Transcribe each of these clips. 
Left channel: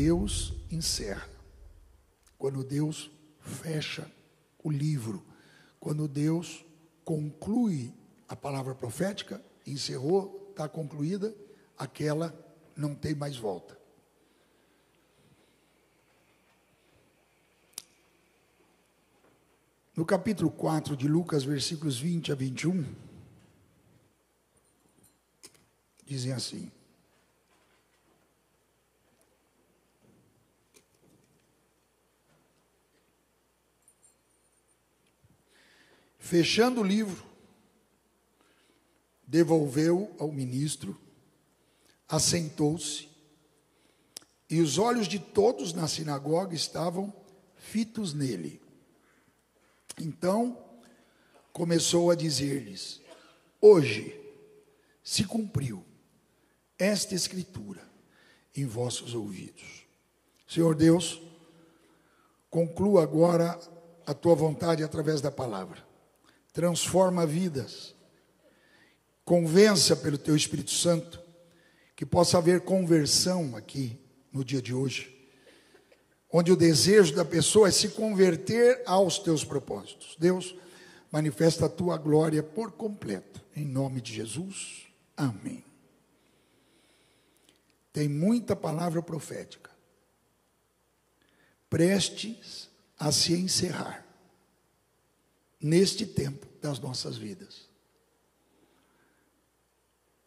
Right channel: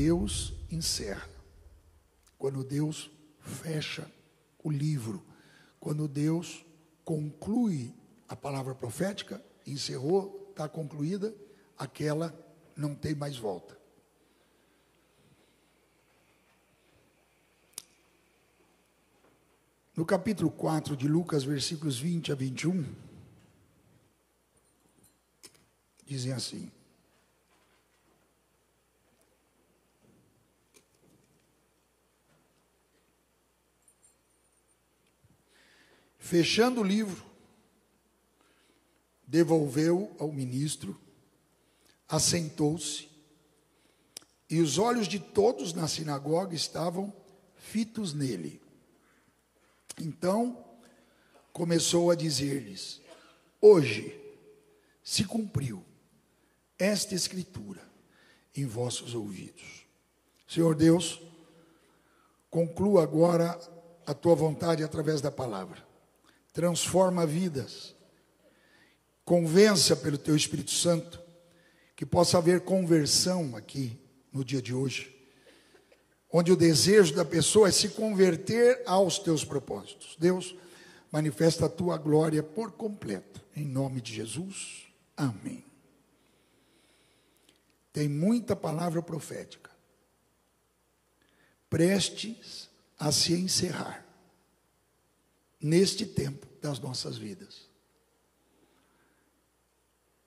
Deus encerra, quando Deus fecha o livro, quando Deus conclui a palavra profética, encerrou, está concluída, aquela não tem mais volta. No capítulo 4 de Lucas, versículos 20 a 21, dizem assim: fechando o livro, devolveu ao ministro, assentou-se, e os olhos de todos na sinagoga estavam fitos nele. Então começou a dizer-lhes: hoje se cumpriu esta escritura em vossos ouvidos. Senhor Deus, conclua agora a tua vontade através da palavra. Transforma vidas. Convença pelo teu Espírito Santo que possa haver conversão aqui no dia de hoje, onde o desejo da pessoa é se converter aos teus propósitos. Deus, manifesta a tua glória por completo, em nome de Jesus, amém. Tem muita palavra profética, prestes a se encerrar, neste tempo das nossas vidas.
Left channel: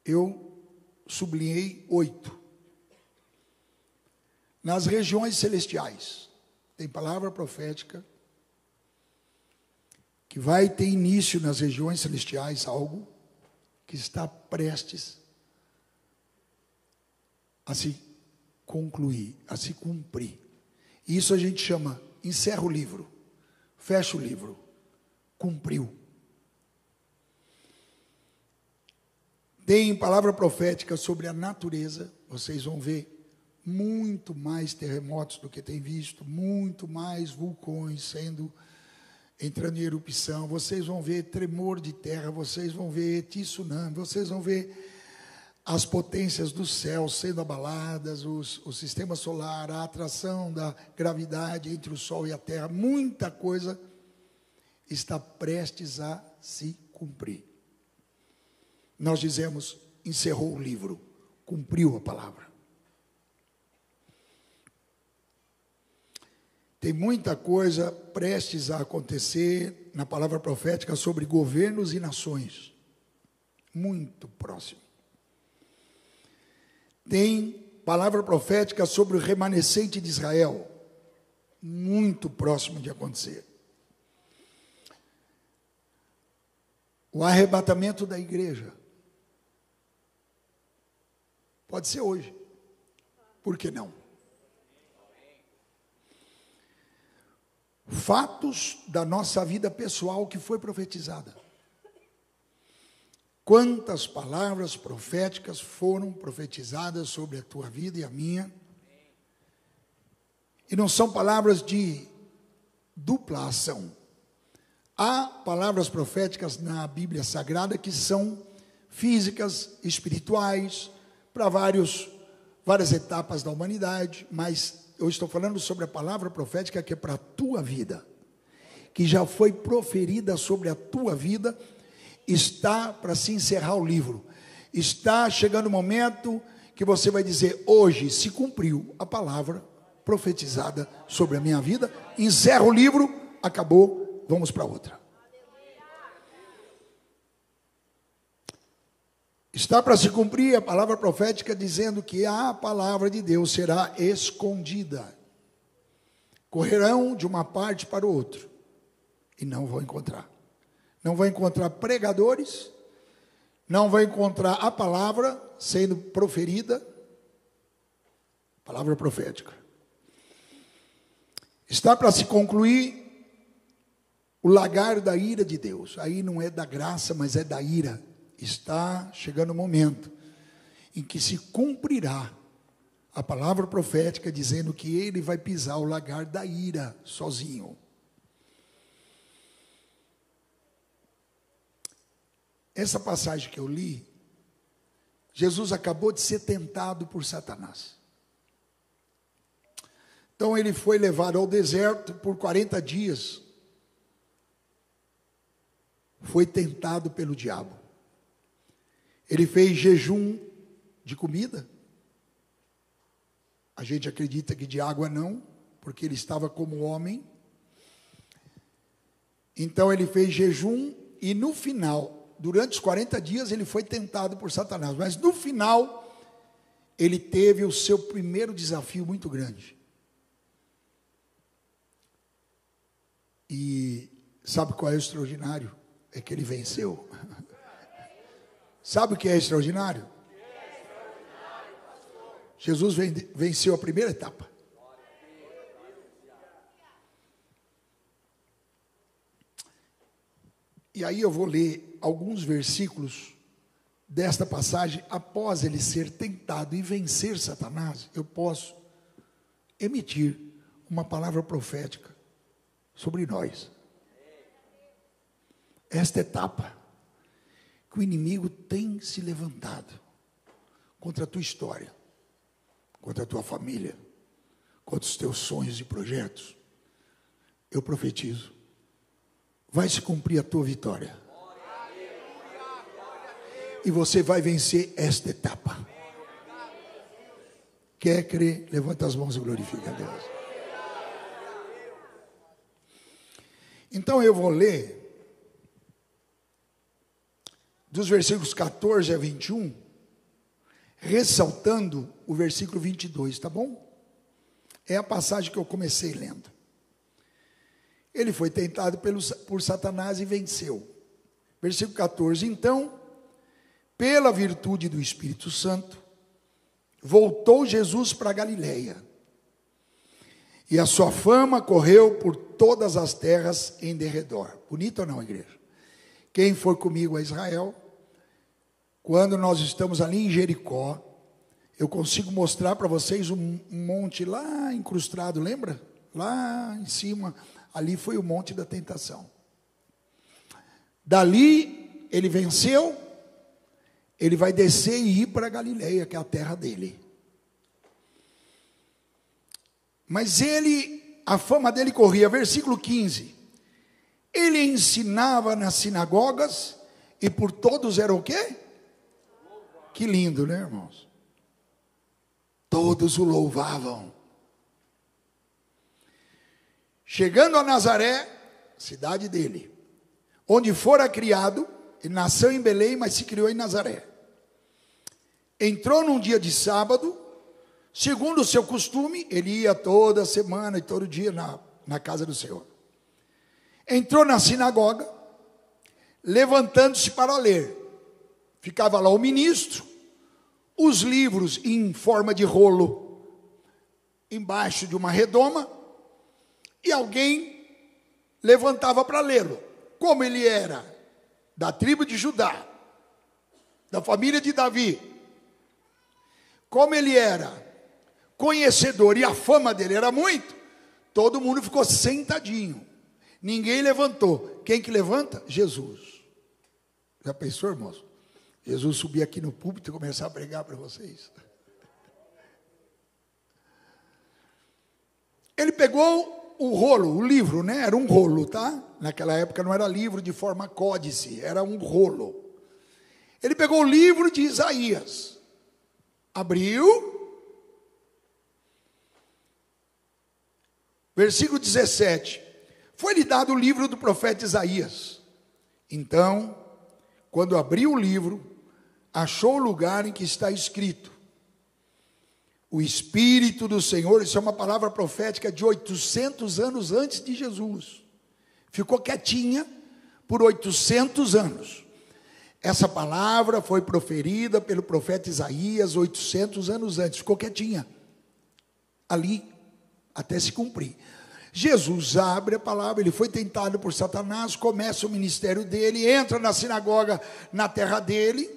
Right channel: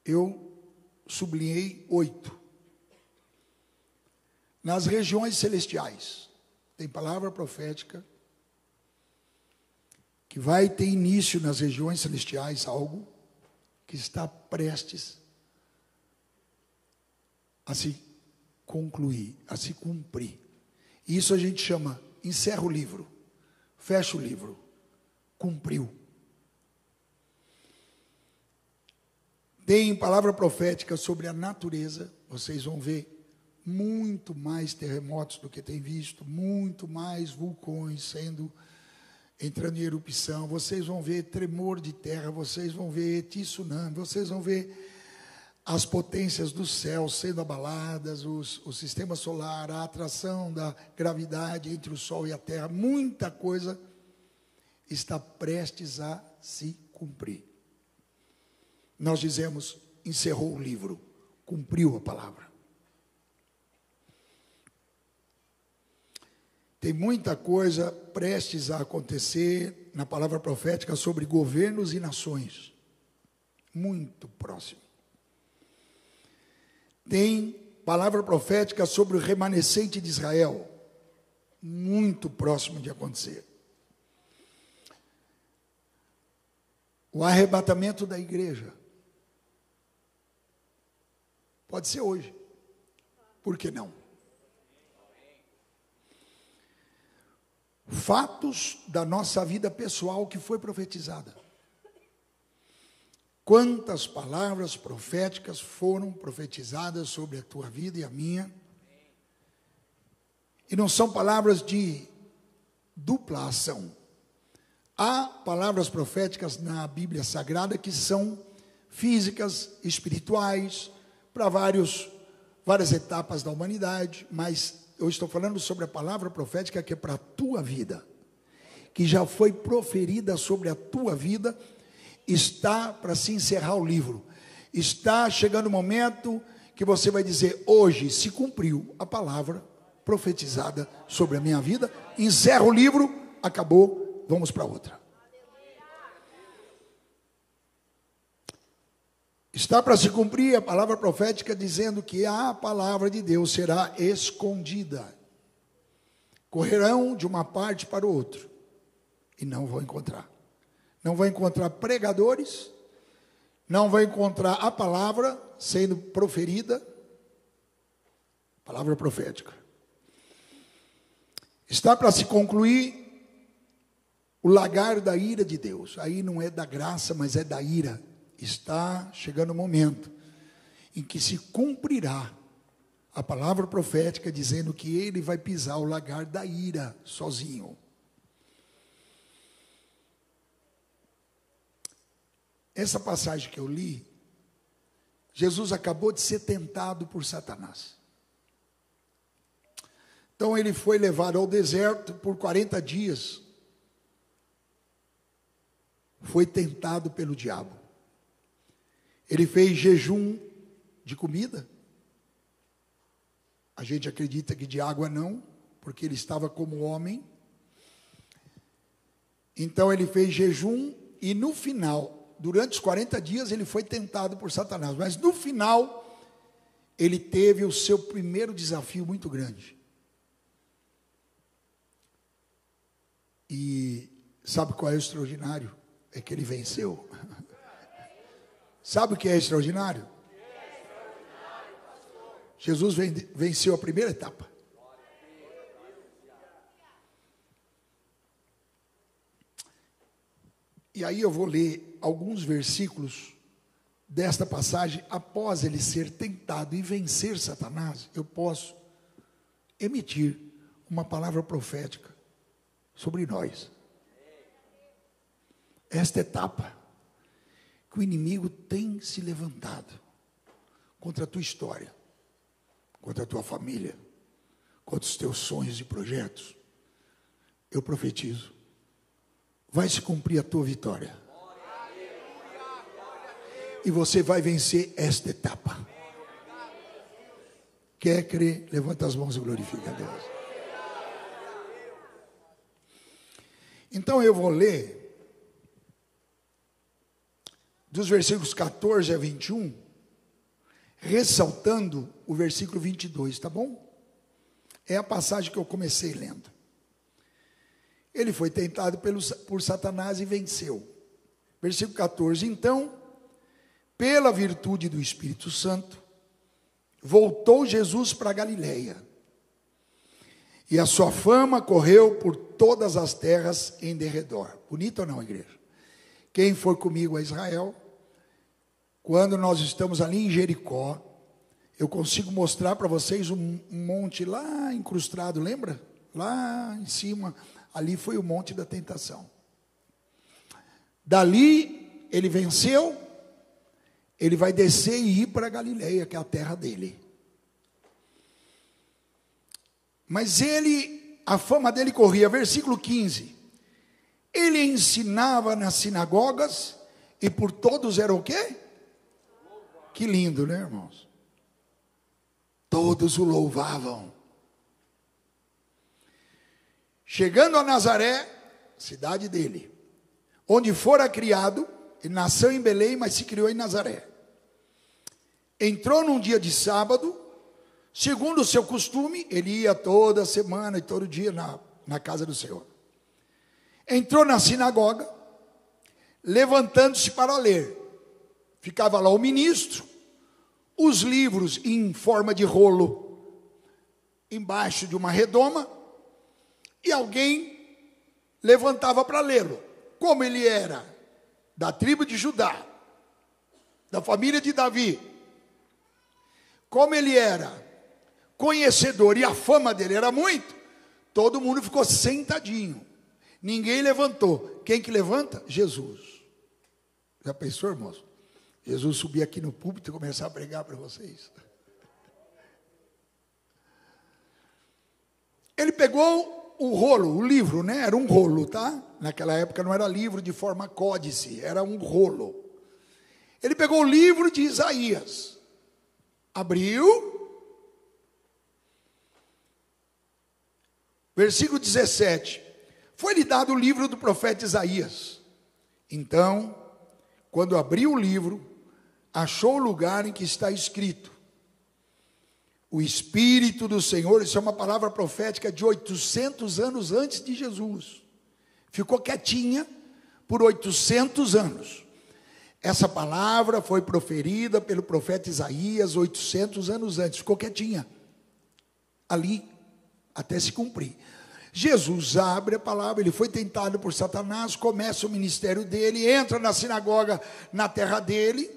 Eu sublinhei 8. Nas regiões celestiais, tem palavra profética que vai ter início nas regiões celestiais, algo que está prestes a se concluir, a se cumprir. Isso a gente chama, encerra o livro, fecha o livro, cumpriu. Tem palavra profética sobre a natureza, vocês vão ver muito mais terremotos do que tem visto, muito mais vulcões entrando em erupção, vocês vão ver tremor de terra, vocês vão ver tsunami, vocês vão ver as potências do céu sendo abaladas, o sistema solar, a atração da gravidade entre o Sol e a Terra, muita coisa está prestes a se cumprir. Nós dizemos, encerrou o livro, cumpriu a palavra. Tem muita coisa prestes a acontecer na palavra profética sobre governos e nações, muito próximo. Tem palavra profética sobre o remanescente de Israel, muito próximo de acontecer. O arrebatamento da igreja, pode ser hoje, por que não? Fatos da nossa vida pessoal que foi profetizada. Quantas palavras proféticas foram profetizadas sobre a tua vida e a minha? E não são palavras de dupla ação. Há palavras proféticas na Bíblia Sagrada que são físicas, espirituais, para várias etapas da humanidade, mas eu estou falando sobre a palavra profética que é para a tua vida, que já foi proferida sobre a tua vida, está para se encerrar o livro. Está chegando o momento que você vai dizer, hoje se cumpriu a palavra profetizada sobre a minha vida, encerra o livro, acabou, vamos para outra. Está para se cumprir a palavra profética dizendo que a palavra de Deus será escondida. Correrão de uma parte para o outro e não vão encontrar. Não vai encontrar pregadores, não vai encontrar a palavra sendo proferida, palavra profética. Está para se concluir o lagar da ira de Deus. Aí não é da graça, mas é da ira. Está chegando o momento em que se cumprirá a palavra profética dizendo que ele vai pisar o lagar da ira sozinho. Essa passagem que eu li, Jesus acabou de ser tentado por Satanás. Então ele foi levado ao deserto por 40 dias. Foi tentado pelo diabo. Ele fez jejum de comida. A gente acredita que de água não, porque ele estava como homem. Então ele fez jejum e no final, durante os 40 dias, ele foi tentado por Satanás. Mas no final, ele teve o seu primeiro desafio muito grande. E sabe qual é o extraordinário? É que ele venceu. Sabe o que é extraordinário? Jesus venceu a primeira etapa. E aí eu vou ler alguns versículos desta passagem. Após ele ser tentado e vencer Satanás, eu posso emitir uma palavra profética sobre nós. Esta etapa que o inimigo tem se levantado contra a tua história, contra a tua família, contra os teus sonhos e projetos, eu profetizo, vai se cumprir a tua vitória. E você vai vencer esta etapa. Quer crer? Levanta as mãos e glorifica a Deus. Então eu vou ler dos versículos 14 a 21, ressaltando o versículo 22, tá bom? É a passagem que eu comecei lendo. Ele foi tentado por Satanás e venceu. Versículo 14, então, pela virtude do Espírito Santo, voltou Jesus para Galiléia. E a sua fama correu por todas as terras em derredor. Bonito ou não, igreja? Quem for comigo a Israel, quando nós estamos ali em Jericó, eu consigo mostrar para vocês um monte lá incrustado, lembra? Lá em cima, ali foi o monte da tentação. Dali, ele venceu, ele vai descer e ir para Galiléia, que é a terra dele. Mas a fama dele corria, versículo 15, ele ensinava nas sinagogas e por todos era o quê? Que lindo, né, irmãos? Todos o louvavam. Chegando a Nazaré, cidade dele, onde fora criado, ele nasceu em Belém, mas se criou em Nazaré. Entrou num dia de sábado, segundo o seu costume, ele ia toda semana e todo dia na casa do Senhor. Entrou na sinagoga, levantando-se para ler. Ficava lá o ministro, os livros em forma de rolo, embaixo de uma redoma, e alguém levantava para lê-lo. Como ele era da tribo de Judá, da família de Davi, como ele era conhecedor e a fama dele era muito, todo mundo ficou sentadinho, ninguém levantou. Quem que levanta? Jesus. Já pensou, irmãos? Jesus subir aqui no púlpito e começar a pregar para vocês. Ele pegou o rolo, o livro, né? Era um rolo, tá? Naquela época não era livro de forma códice, era um rolo. Ele pegou o livro de Isaías, abriu, versículo 17, foi-lhe dado o livro do profeta Isaías. Então, quando abriu o livro, achou o lugar em que está escrito: o Espírito do Senhor, isso é uma palavra profética de 800 anos antes de Jesus, ficou quietinha por 800 anos. Essa palavra foi proferida pelo profeta Isaías 800 anos antes, ficou quietinha ali até se cumprir. Jesus abre a palavra, ele foi tentado por Satanás, começa o ministério dele, entra na sinagoga na terra dele,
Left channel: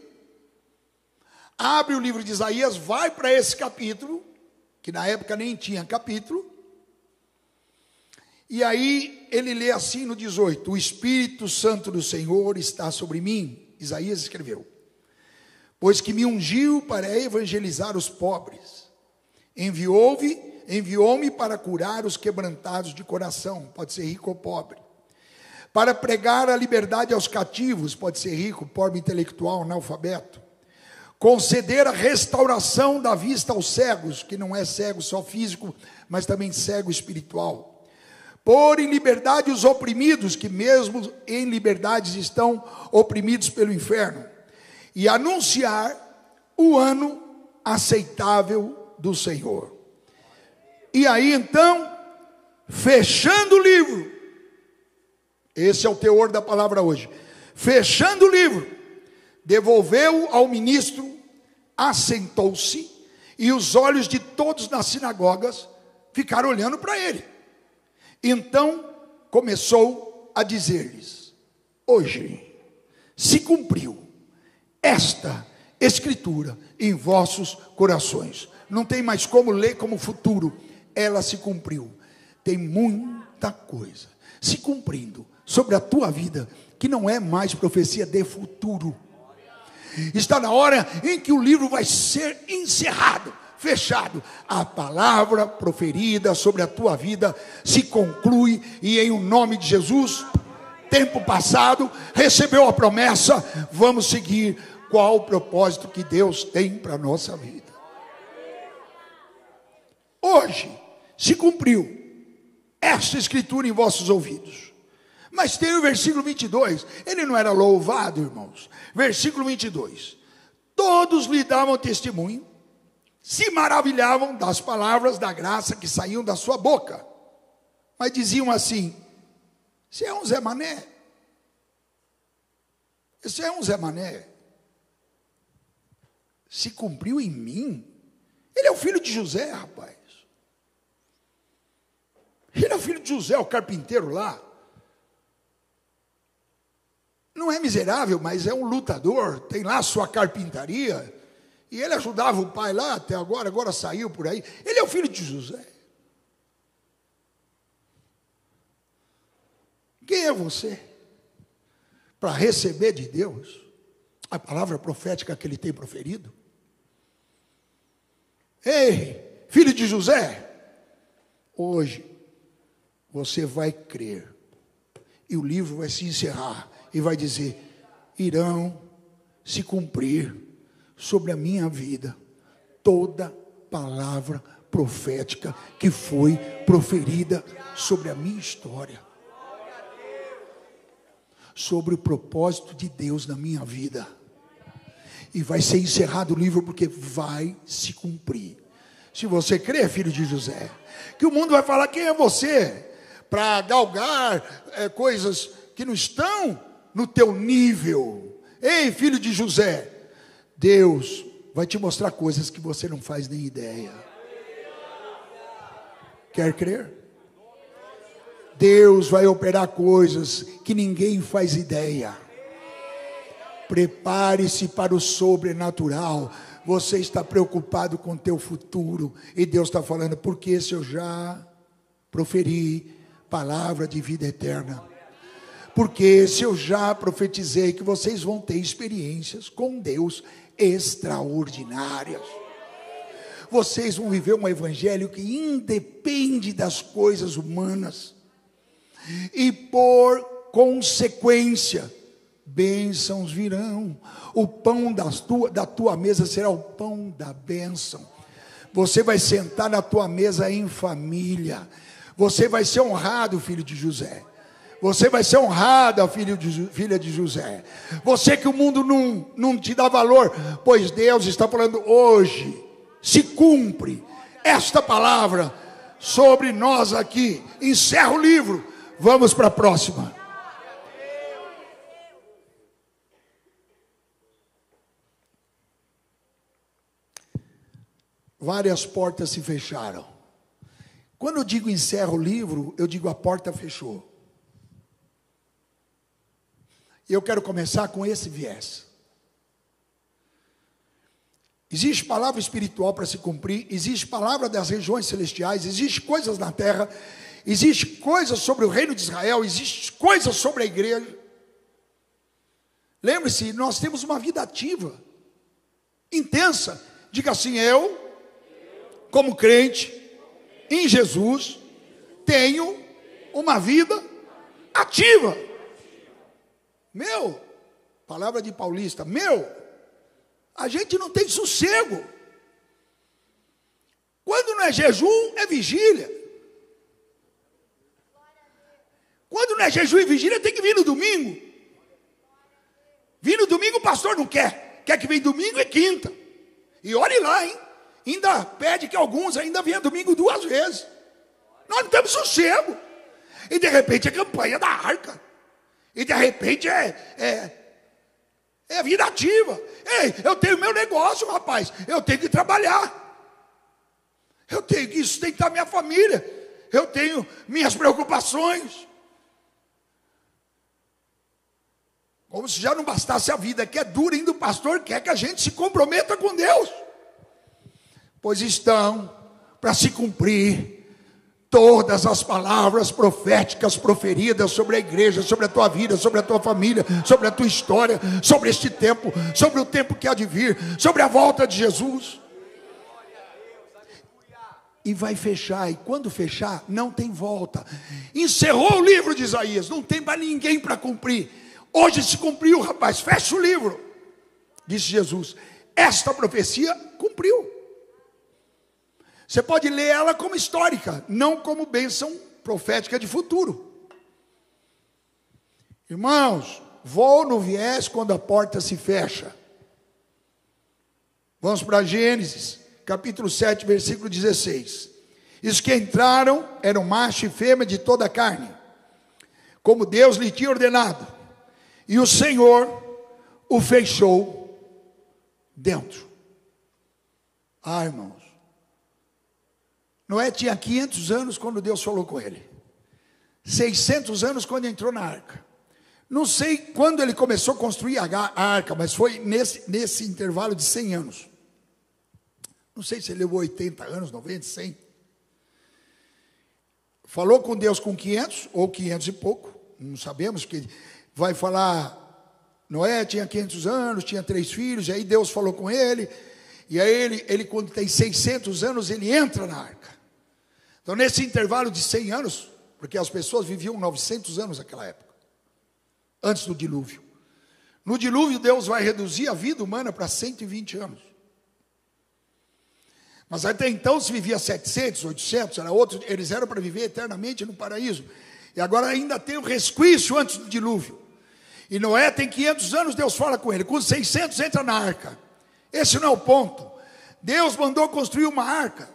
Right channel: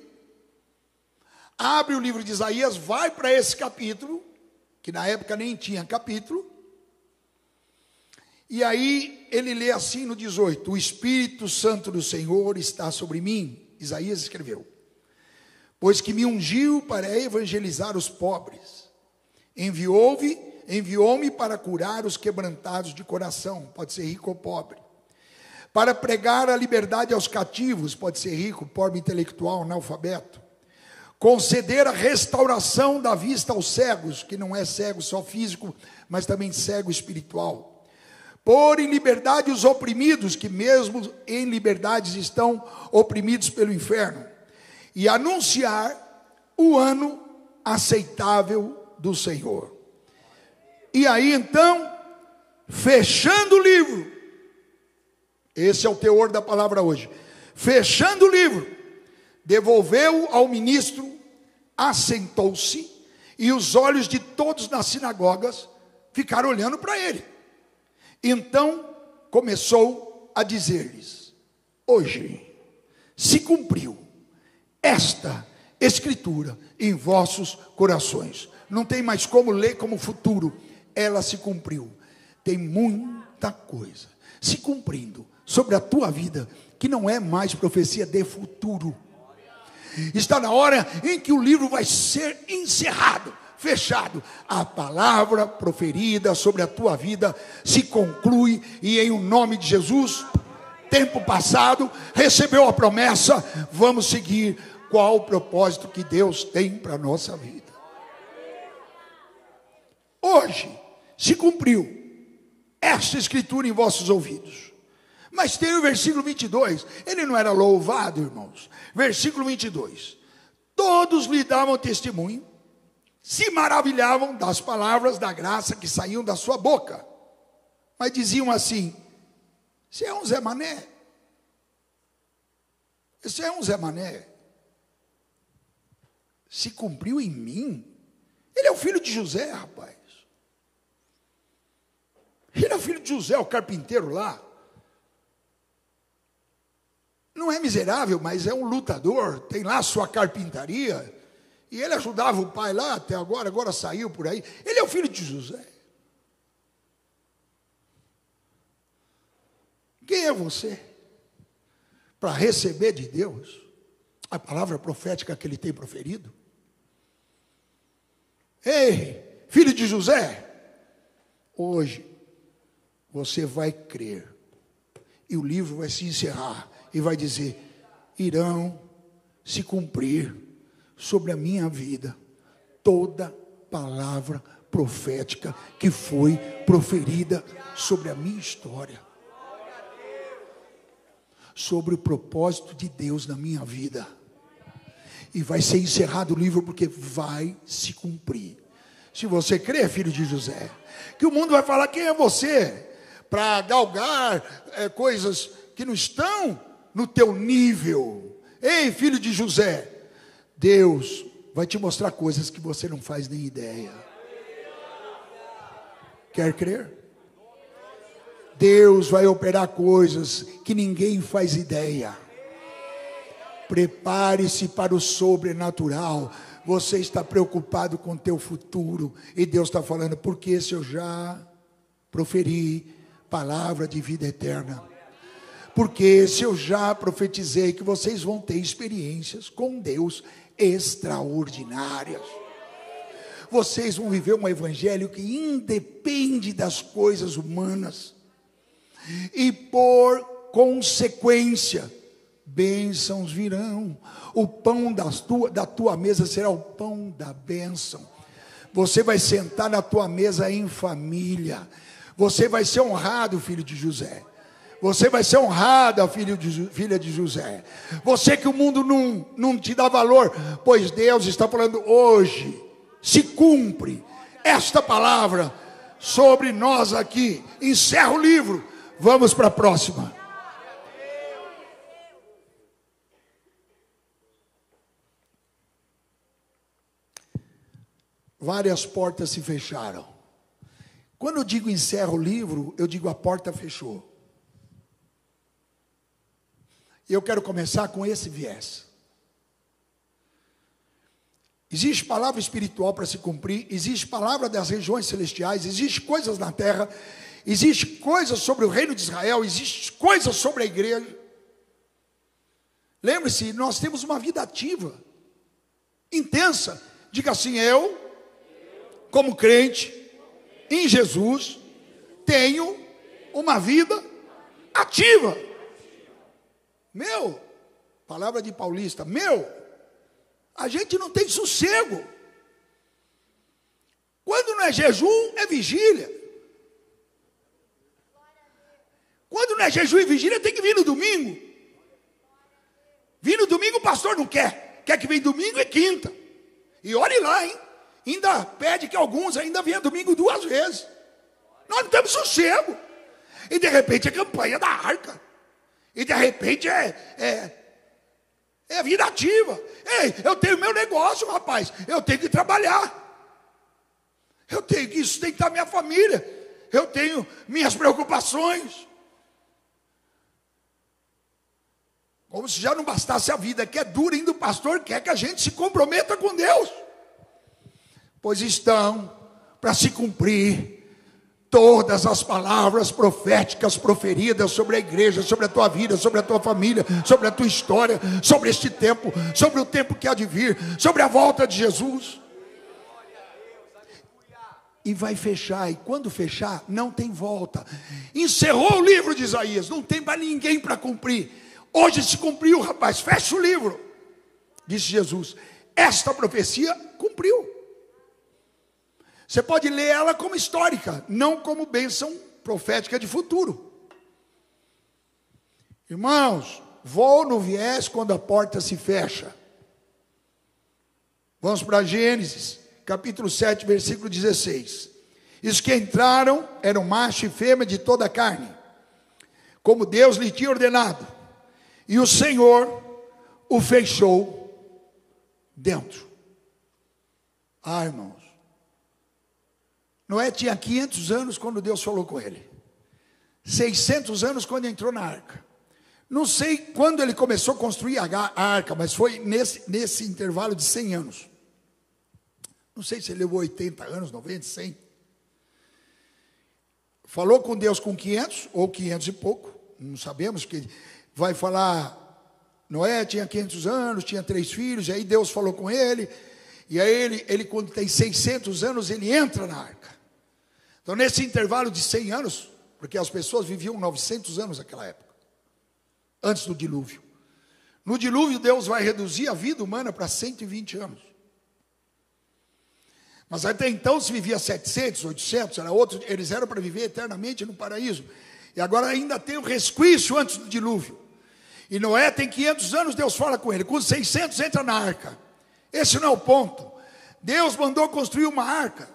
abre o livro de Isaías, vai para esse capítulo, que na época nem tinha capítulo, e aí ele lê assim no 18: o Espírito Santo do Senhor está sobre mim. Isaías escreveu: pois que me ungiu para evangelizar os pobres, enviou-me enviou-me para curar os quebrantados de coração, pode ser rico ou pobre, para pregar a liberdade aos cativos, pode ser rico, pobre, intelectual, analfabeto, conceder a restauração da vista aos cegos, que não é cego só físico, mas também cego espiritual, pôr em liberdade os oprimidos, que mesmo em liberdades estão oprimidos pelo inferno, e anunciar o ano aceitável do Senhor. E aí então, fechando o livro, esse é o teor da palavra hoje, fechando o livro, devolveu ao ministro, assentou-se, e os olhos de todos nas sinagogas ficaram olhando para ele. Então começou a dizer-lhes: hoje se cumpriu esta escritura em vossos corações. Não tem mais como ler como futuro, ela se cumpriu. Tem muita coisa se cumprindo sobre a tua vida, que não é mais profecia de futuro. Está na hora em que o livro vai ser encerrado, fechado. A palavra proferida sobre a tua vida se conclui, e em o nome de Jesus, tempo passado, recebeu a promessa, vamos seguir qual o propósito que Deus tem para a nossa vida. Hoje se cumpriu esta escritura em vossos ouvidos. Mas tem o versículo 22, ele não era louvado, irmãos? Versículo 22, todos lhe davam testemunho, se maravilhavam das palavras da graça que saíam da sua boca, mas diziam assim: você é um Zé Mané, você é um Zé Mané, se cumpriu em mim. Ele é o filho de José, rapaz, ele é filho de José, o carpinteiro lá. Não é miserável, mas é um lutador, tem lá sua carpintaria, e ele ajudava o pai lá até agora saiu por aí. Ele é o filho de José. Quem é você para receber de Deus a palavra profética que ele tem proferido? Ei, filho de José, hoje você vai crer, e o livro vai se encerrar, e vai dizer: irão se cumprir sobre a minha vida toda palavra profética que foi proferida sobre a minha história, sobre o propósito de Deus na minha vida. E vai ser encerrado o livro, porque vai se cumprir. Se você crê, filho de José, que o mundo vai falar: quem é você para galgar coisas que não estão no teu nível? Ei, filho de José, Deus vai te mostrar coisas que você não faz nem ideia. Quer crer? Deus vai operar coisas que ninguém faz ideia. Prepare-se para o sobrenatural. Você está preocupado com o teu futuro, e Deus está falando: porque se eu já proferi palavra de vida eterna, porque se eu já profetizei que vocês vão ter experiências com Deus extraordinárias, vocês vão viver um evangelho que independe das coisas humanas, e por consequência, bênçãos virão. O pão da tua mesa será o pão da bênção. Você vai sentar na tua mesa em família. Você vai ser honrado, filho de José. Você vai ser honrada, filha de José. Você que o mundo não te dá valor, pois Deus está falando: hoje se cumpre esta palavra sobre nós aqui. Encerra o livro, vamos para a próxima. Várias portas se fecharam. Quando eu digo encerra o livro, eu digo a porta fechou. E eu quero começar com esse viés. Existe palavra espiritual para se cumprir, existe palavra das regiões celestiais, existe coisas na terra, existe coisas sobre o reino de Israel, existe coisas sobre a igreja. Lembre-se, nós temos uma vida ativa, intensa. Diga assim: eu, como crente, em Jesus, tenho uma vida ativa. Palavra de paulista, a gente não tem sossego. Quando não é jejum, é vigília. Quando não é jejum e vigília, tem que vir no domingo. Vir no domingo o pastor não quer. Quer que venha domingo e quinta. E olhe lá, hein? Ainda pede que alguns ainda venham domingo 2 vezes. Nós não temos sossego. E de repente é campanha da arca. E de repente é vida ativa. Ei, eu tenho meu negócio, rapaz. Eu tenho que trabalhar. Eu tenho que sustentar minha família. Eu tenho minhas preocupações. Como se já não bastasse a vida que é dura, ainda o pastor quer que a gente se comprometa com Deus. Pois estão para se cumprir todas as palavras proféticas proferidas sobre a igreja, sobre a tua vida, sobre a tua família, sobre a tua história, sobre este tempo, sobre o tempo que há de vir, sobre a volta de Jesus. E vai fechar, e quando fechar, não tem volta. Encerrou o livro de Isaías, não tem mais ninguém para cumprir. Hoje se cumpriu, rapaz, fecha o livro, disse Jesus. Esta profecia cumpriu. Você pode ler ela como histórica, não como bênção profética de futuro. Irmãos, vou no viés quando a porta se fecha. Vamos para Gênesis, capítulo 7, versículo 16. Os que entraram eram macho e fêmea de toda a carne, como Deus lhe tinha ordenado. E o Senhor o fechou dentro. Irmãos, Noé tinha 500 anos quando Deus falou com ele. 600 anos quando entrou na arca. Não sei quando ele começou a construir a arca, mas foi nesse intervalo de 100 anos. Não sei se ele levou 80 anos, 90, 100. Falou com Deus com 500 ou 500 e pouco. Não sabemos, que vai falar, Noé tinha 500 anos, tinha 3 filhos, e aí Deus falou com ele, e aí ele quando tem 600 anos, ele entra na arca. Então nesse intervalo de 100 anos, porque as pessoas viviam 900 anos naquela época, antes do dilúvio. No dilúvio Deus vai reduzir a vida humana para 120 anos. Mas até então se vivia 700, 800, eles eram para viver eternamente no paraíso. E agora ainda tem o resquício antes do dilúvio. E Noé tem 500 anos, Deus fala com ele. Com 600 entra na arca. Esse não é o ponto. Deus mandou construir uma arca.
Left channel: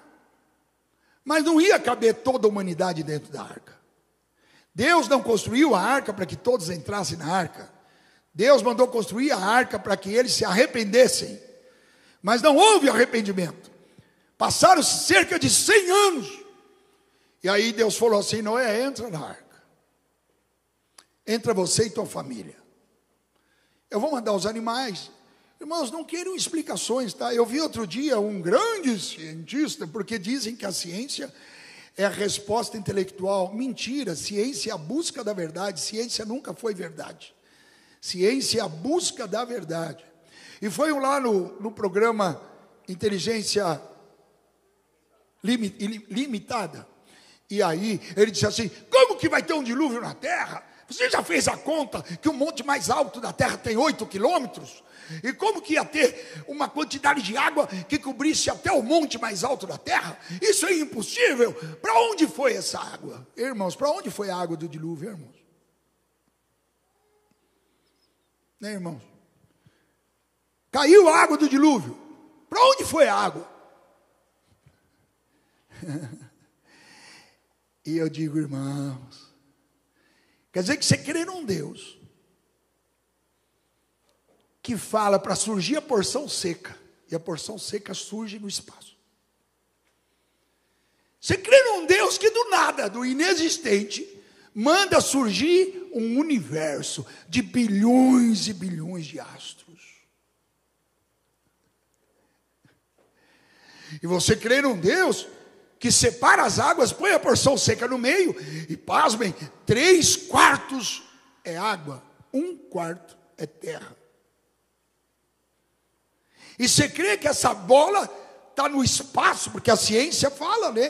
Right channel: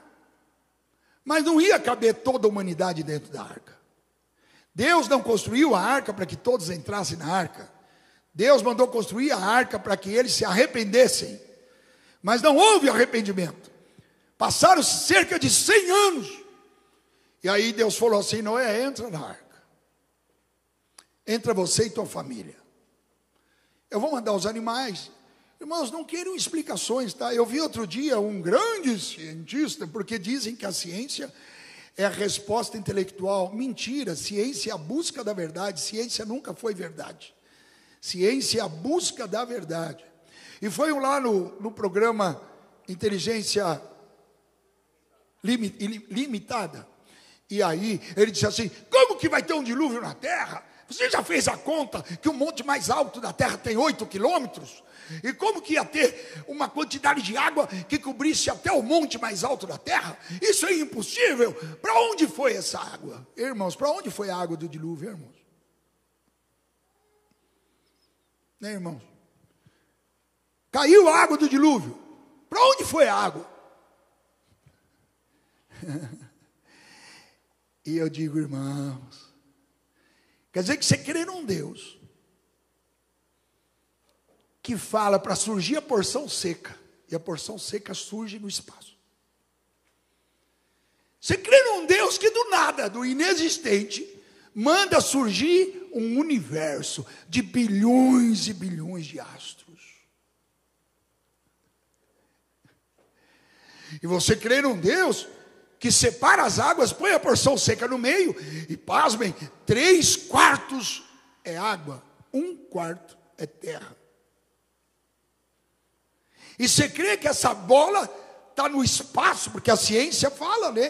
Mas não ia caber toda a humanidade dentro da arca. Deus não construiu a arca para que todos entrassem na arca. Deus mandou construir a arca para que eles se arrependessem. Mas não houve arrependimento. Passaram-se cerca de 100 anos. E aí Deus falou assim, Noé, entra na arca. Entra você e tua família. Eu vou mandar os animais. Irmãos, não queiram explicações, tá? Eu vi outro dia um grande cientista, porque dizem que a ciência é a resposta intelectual. Mentira, ciência é a busca da verdade. Ciência nunca foi verdade. Ciência é a busca da verdade. E foi lá no programa Inteligência Limitada. E aí ele disse assim, como que vai ter um dilúvio na Terra? Você já fez a conta que o monte mais alto da Terra tem 8 quilômetros? E como que ia ter uma quantidade de água que cobrisse até o monte mais alto da Terra? Isso é impossível. Para onde foi essa água? Irmãos, para onde foi a água do dilúvio, irmãos? Né, irmãos? Caiu a água do dilúvio. Para onde foi a água? E eu digo, irmãos, quer dizer que você crê num Deus que fala para surgir a porção seca, e a porção seca surge no espaço. Você crê num Deus que do nada, do inexistente, manda surgir um universo de bilhões e bilhões de astros. E você crê num Deus que separa as águas, põe a porção seca no meio, e pasmem, 3/4 é água, 1/4 é terra. E você crê que essa bola está no espaço, porque a ciência fala, né?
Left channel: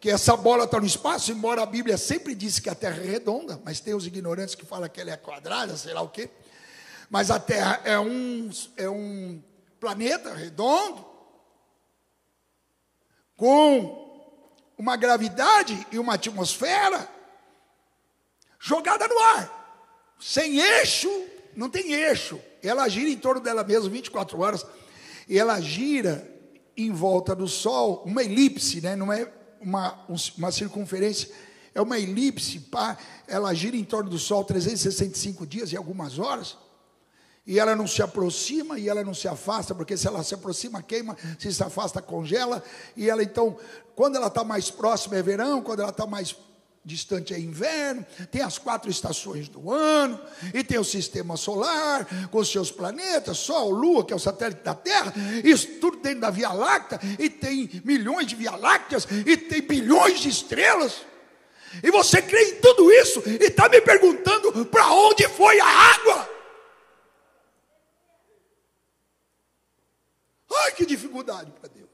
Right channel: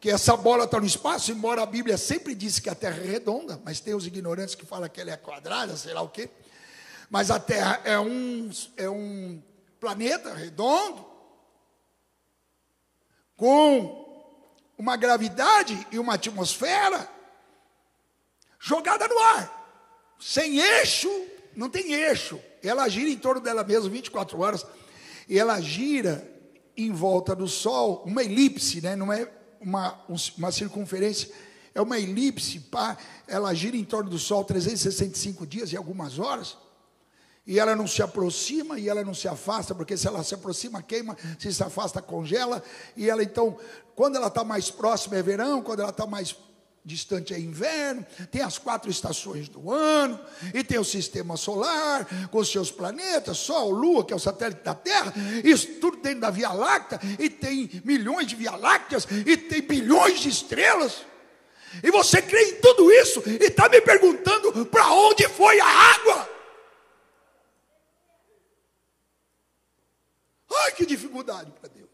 que essa bola está no espaço, embora a Bíblia sempre disse que a Terra é redonda, mas tem os ignorantes que falam que ela é quadrada, sei lá o quê. Mas a Terra é um planeta redondo, com uma gravidade e uma atmosfera jogada no ar, sem eixo, não tem eixo. Ela gira em torno dela mesma 24 horas, e ela gira em volta do Sol, uma elipse, né? Não é uma circunferência, é uma elipse, ela gira em torno do Sol 365 dias e algumas horas, e ela não se aproxima e ela não se afasta, porque se ela se aproxima, queima, se afasta, congela, e ela então, quando ela está mais próxima é verão, quando ela está mais distante é inverno, tem as 4 estações do ano, e tem o sistema solar, com os seus planetas, Sol, Lua, que é o satélite da Terra, isso tudo dentro da Via Láctea, e tem milhões de Via Lácteas, e tem bilhões de estrelas, e você crê em tudo isso, e está me perguntando para onde foi a água? Ai, que dificuldade para Deus.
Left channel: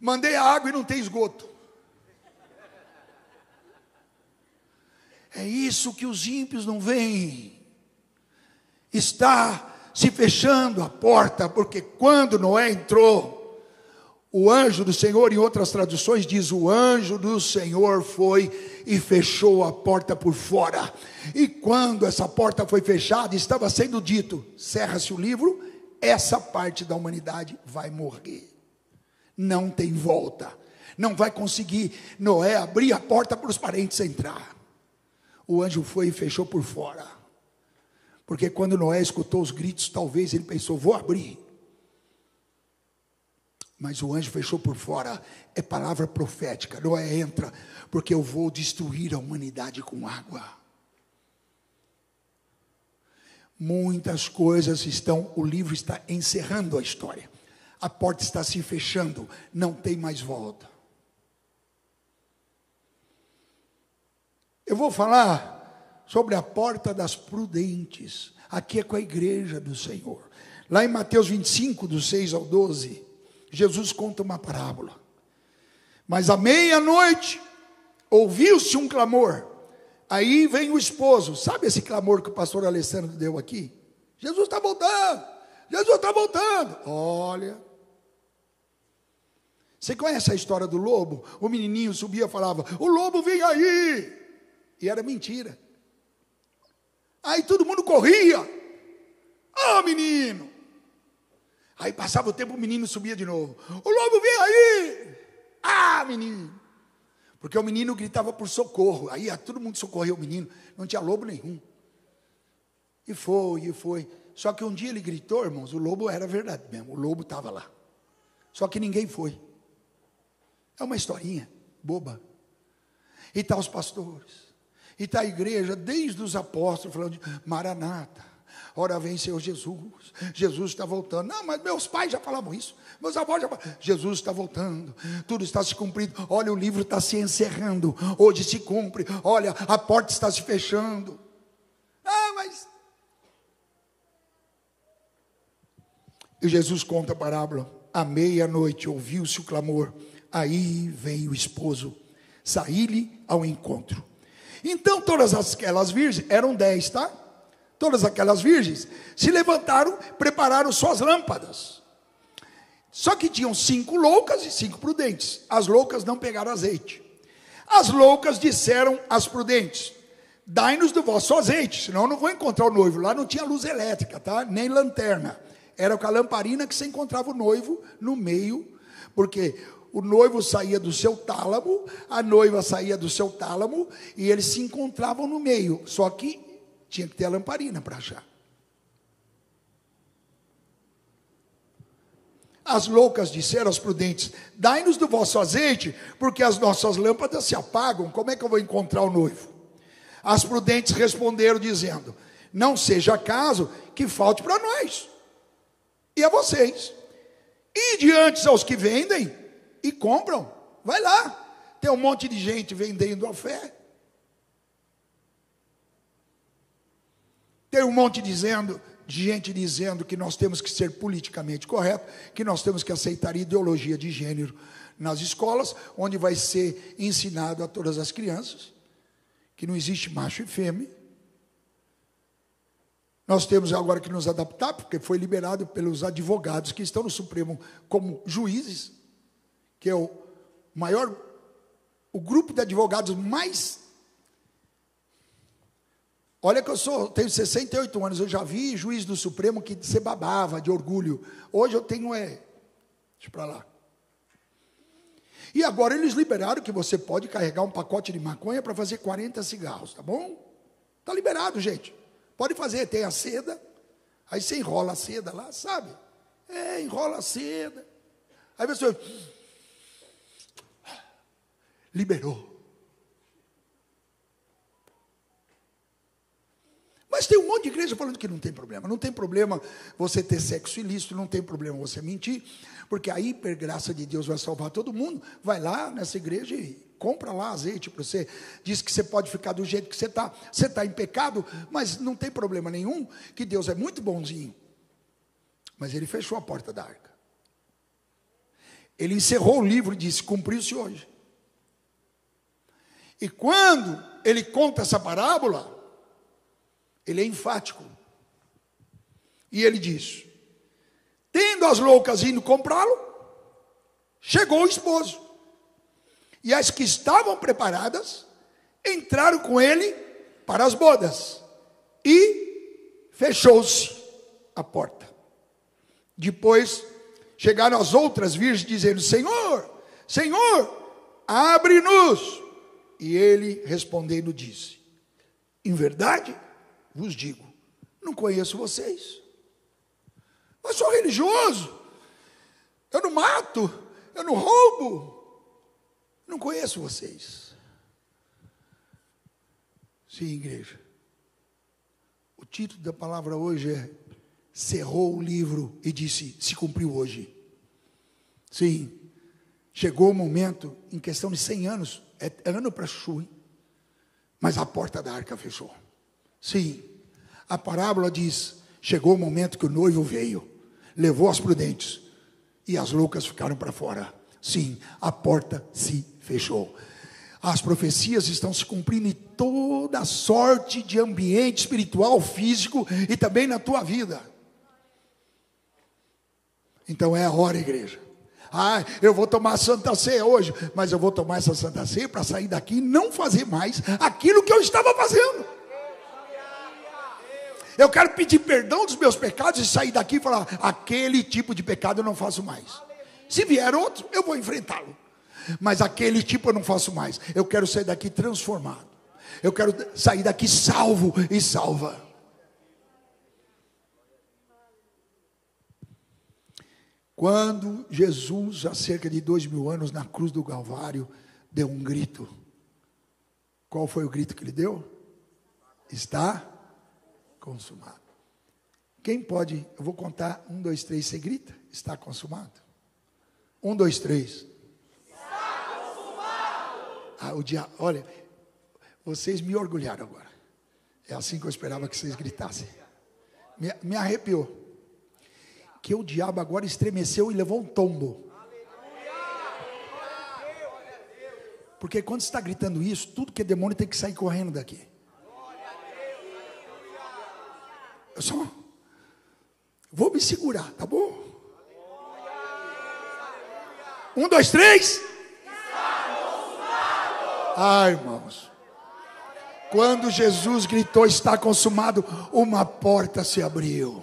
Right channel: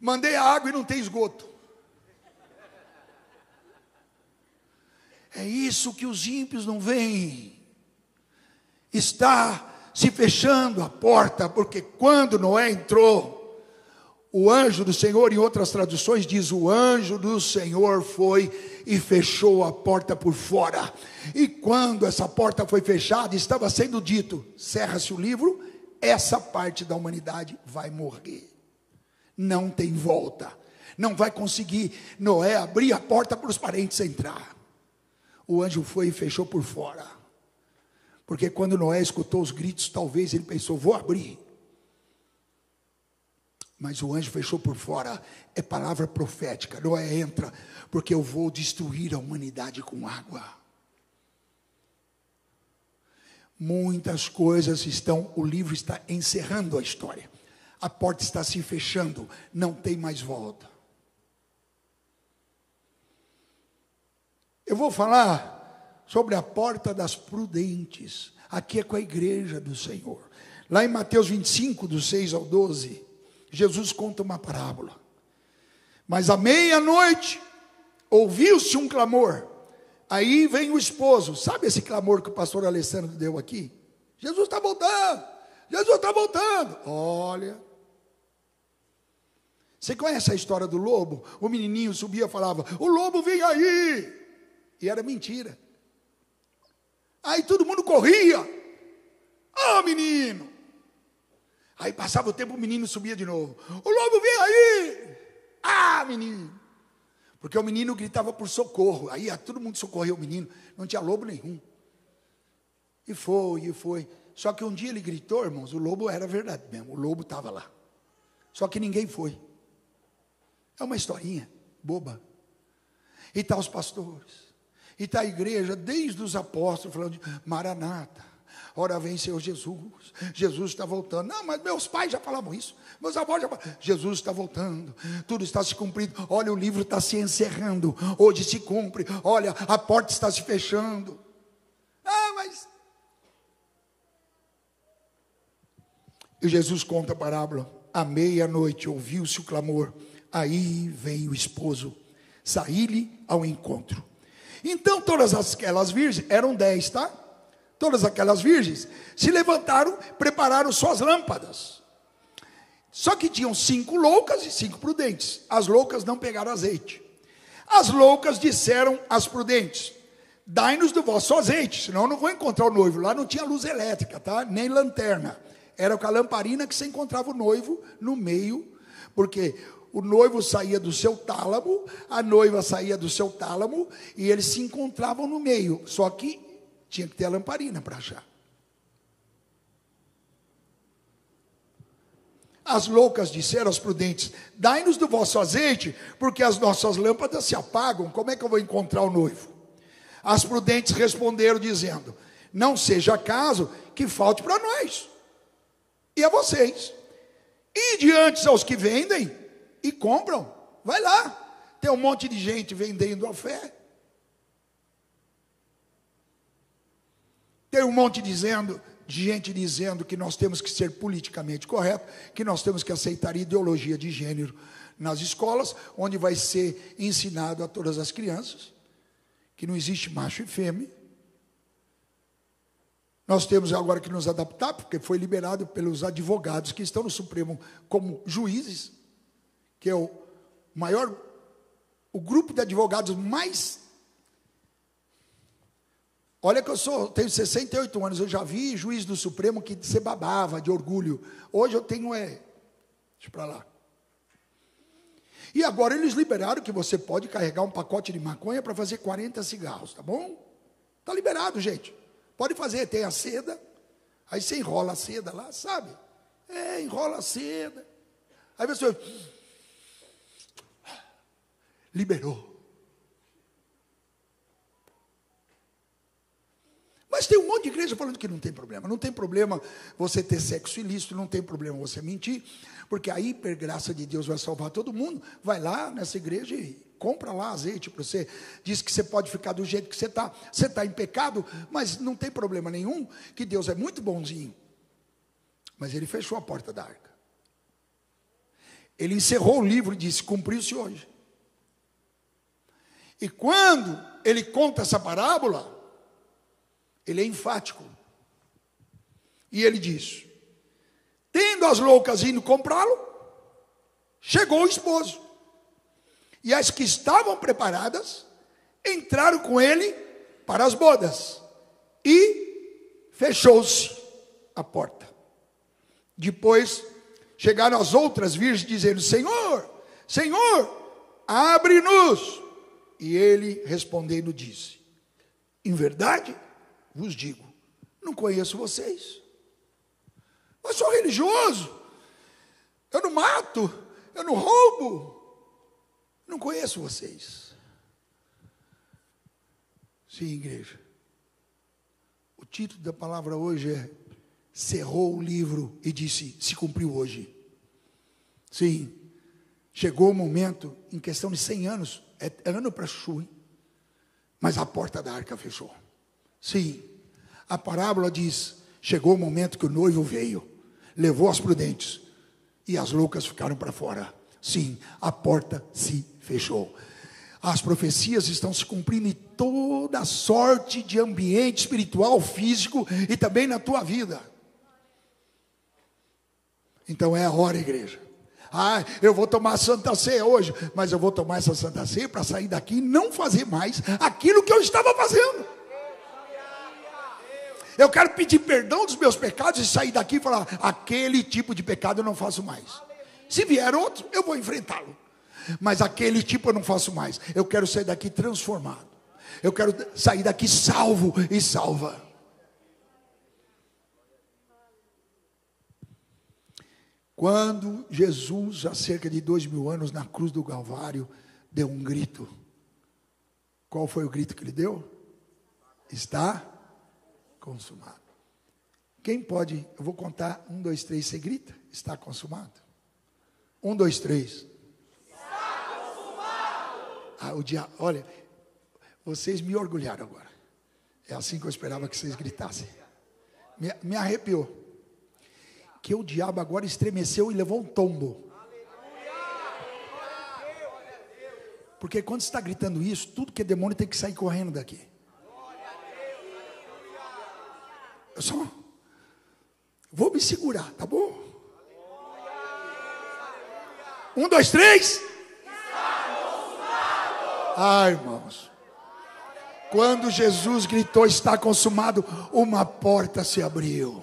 Mandei a água e não tem esgoto. É isso que os ímpios não veem. Está se fechando a porta, porque quando Noé entrou, o anjo do Senhor, em outras traduções diz, o anjo do Senhor foi e fechou a porta por fora. E quando essa porta foi fechada, estava sendo dito, cerra-se o livro, essa parte da humanidade vai morrer. Não tem volta. Não vai conseguir Noé abrir a porta para os parentes entrar. O anjo foi e fechou por fora. Porque quando Noé escutou os gritos, talvez ele pensou, vou abrir. Mas o anjo fechou por fora. É palavra profética. Noé entra, porque eu vou destruir a humanidade com água. Muitas coisas o livro está encerrando a história. A porta está se fechando, não tem mais volta. Eu vou falar sobre a porta das prudentes. Aqui é com a igreja do Senhor. Lá em Mateus 25, do 6 ao 12, Jesus conta uma parábola. Mas à meia-noite, ouviu-se um clamor. Aí vem o esposo. Sabe esse clamor que o pastor Alessandro deu aqui? Jesus está voltando. Jesus está voltando. Olha. Você conhece a história do lobo? O menininho subia e falava, o lobo vem aí. E era mentira. Aí todo mundo corria. Ó, menino. Aí passava o tempo, o menino subia de novo. O lobo vem aí. Ah, menino. Porque o menino gritava por socorro. Aí todo mundo socorreu o menino. Não tinha lobo nenhum. E foi. Só que um dia ele gritou, irmãos, o lobo era verdade mesmo. O lobo estava lá. Só que ninguém foi. É uma historinha boba. E tá os pastores. E está a igreja, desde os apóstolos, falando de Maranata, ora vem Senhor Jesus, Jesus está voltando. Não, mas meus pais já falavam isso, meus avós já falavam, Jesus está voltando, tudo está se cumprindo, olha o livro está se encerrando, hoje se cumpre, olha a porta está se fechando. Mas... E Jesus conta a parábola, à meia-noite ouviu-se o clamor, aí vem o esposo, saí-lhe ao encontro. Então todas aquelas virgens, eram 10, tá? Todas aquelas virgens se levantaram, prepararam suas lâmpadas. Só que tinham 5 loucas e 5 prudentes. As loucas não pegaram azeite. As loucas disseram às prudentes, dai-nos do vosso azeite, senão eu não vou encontrar o noivo. Lá não tinha luz elétrica, tá? Nem lanterna. Era com a lamparina que você encontrava o noivo no meio, porque o noivo saía do seu tálamo, a noiva saía do seu tálamo, e eles se encontravam no meio. Só que tinha que ter a lamparina para achar. As loucas disseram às prudentes, dai-nos do vosso azeite, porque as nossas lâmpadas se apagam, como é que eu vou encontrar o noivo? As prudentes responderam dizendo, não seja caso que falte para nós, e a vocês. E diante aos que vendem e compram, vai lá, tem um monte de gente vendendo a fé. Tem um monte de gente dizendo que nós temos que ser politicamente correto, que nós temos que aceitar ideologia de gênero. nas escolas, onde vai ser ensinado a todas as crianças que não existe macho e fêmea. Nós temos agora que nos adaptar, porque foi liberado pelos advogados que estão no Supremo como juízes, que é o grupo de advogados mais... Olha que tenho 68 anos, eu já vi juiz do Supremo que se babava de orgulho. Hoje eu tenho, deixa para lá. E agora eles liberaram que você pode carregar um pacote de maconha para fazer 40 cigarros, tá bom? Está liberado, gente. Pode fazer, tem a seda, aí você enrola a seda lá, sabe? Enrola a seda. Aí você... liberou. Mas tem um monte de igreja falando que não tem problema. Não tem problema você ter sexo ilícito, não tem problema você mentir, porque a hipergraça de Deus vai salvar todo mundo. Vai lá nessa igreja e compra lá azeite para você. Diz que você pode ficar do jeito que você está. Você está em pecado, mas não tem problema nenhum, que Deus é muito bonzinho. Mas ele fechou a porta da arca. Ele encerrou o livro e disse, cumpriu-se hoje. E quando ele conta essa parábola, ele é enfático. E ele diz, tendo as loucas indo comprá-lo, chegou o esposo. E as que estavam preparadas, entraram com ele para as bodas. E fechou-se a porta. Depois, chegaram as outras virgens, dizendo, Senhor, Senhor, abre-nos. E ele, respondendo, disse, em verdade, vos digo, não conheço vocês. Eu sou religioso. Eu não mato. Eu não roubo. Não conheço vocês. Sim, igreja. O título da palavra hoje é cerrou o livro e disse, se cumpriu hoje. Sim. Chegou o momento, em questão de 100 anos, é ano para chuva, mas a porta da arca fechou. Sim, a parábola diz, chegou o momento que o noivo veio, levou as prudentes, e as loucas ficaram para fora. Sim, a porta se fechou. As profecias estão se cumprindo em toda sorte de ambiente espiritual, físico, e também na tua vida. Então é a hora, igreja. Eu vou tomar Santa Ceia hoje, mas eu vou tomar essa Santa Ceia para sair daqui e não fazer mais aquilo que eu estava fazendo. Eu quero pedir perdão dos meus pecados e sair daqui e falar, aquele tipo de pecado eu não faço mais. Se vier outro, eu vou enfrentá-lo. Mas aquele tipo eu não faço mais. Eu quero sair daqui transformado. Eu quero sair daqui salvo e salva. Quando Jesus, há cerca de 2000 anos, na cruz do Calvário, deu um grito. Qual foi o grito que ele deu? Está consumado. Quem pode, eu vou contar, 1, 2, 3, você grita, está consumado? 1, 2, 3. Está consumado. Olha, vocês me orgulharam agora. É assim que eu esperava que vocês gritassem. Me arrepiou. Que o diabo agora estremeceu e levou um tombo. Porque quando você está gritando isso, tudo que é demônio tem que sair correndo daqui. Eu só vou me segurar, tá bom? 1, 2, 3. Ai, irmãos. Quando Jesus gritou, está consumado, uma porta se abriu.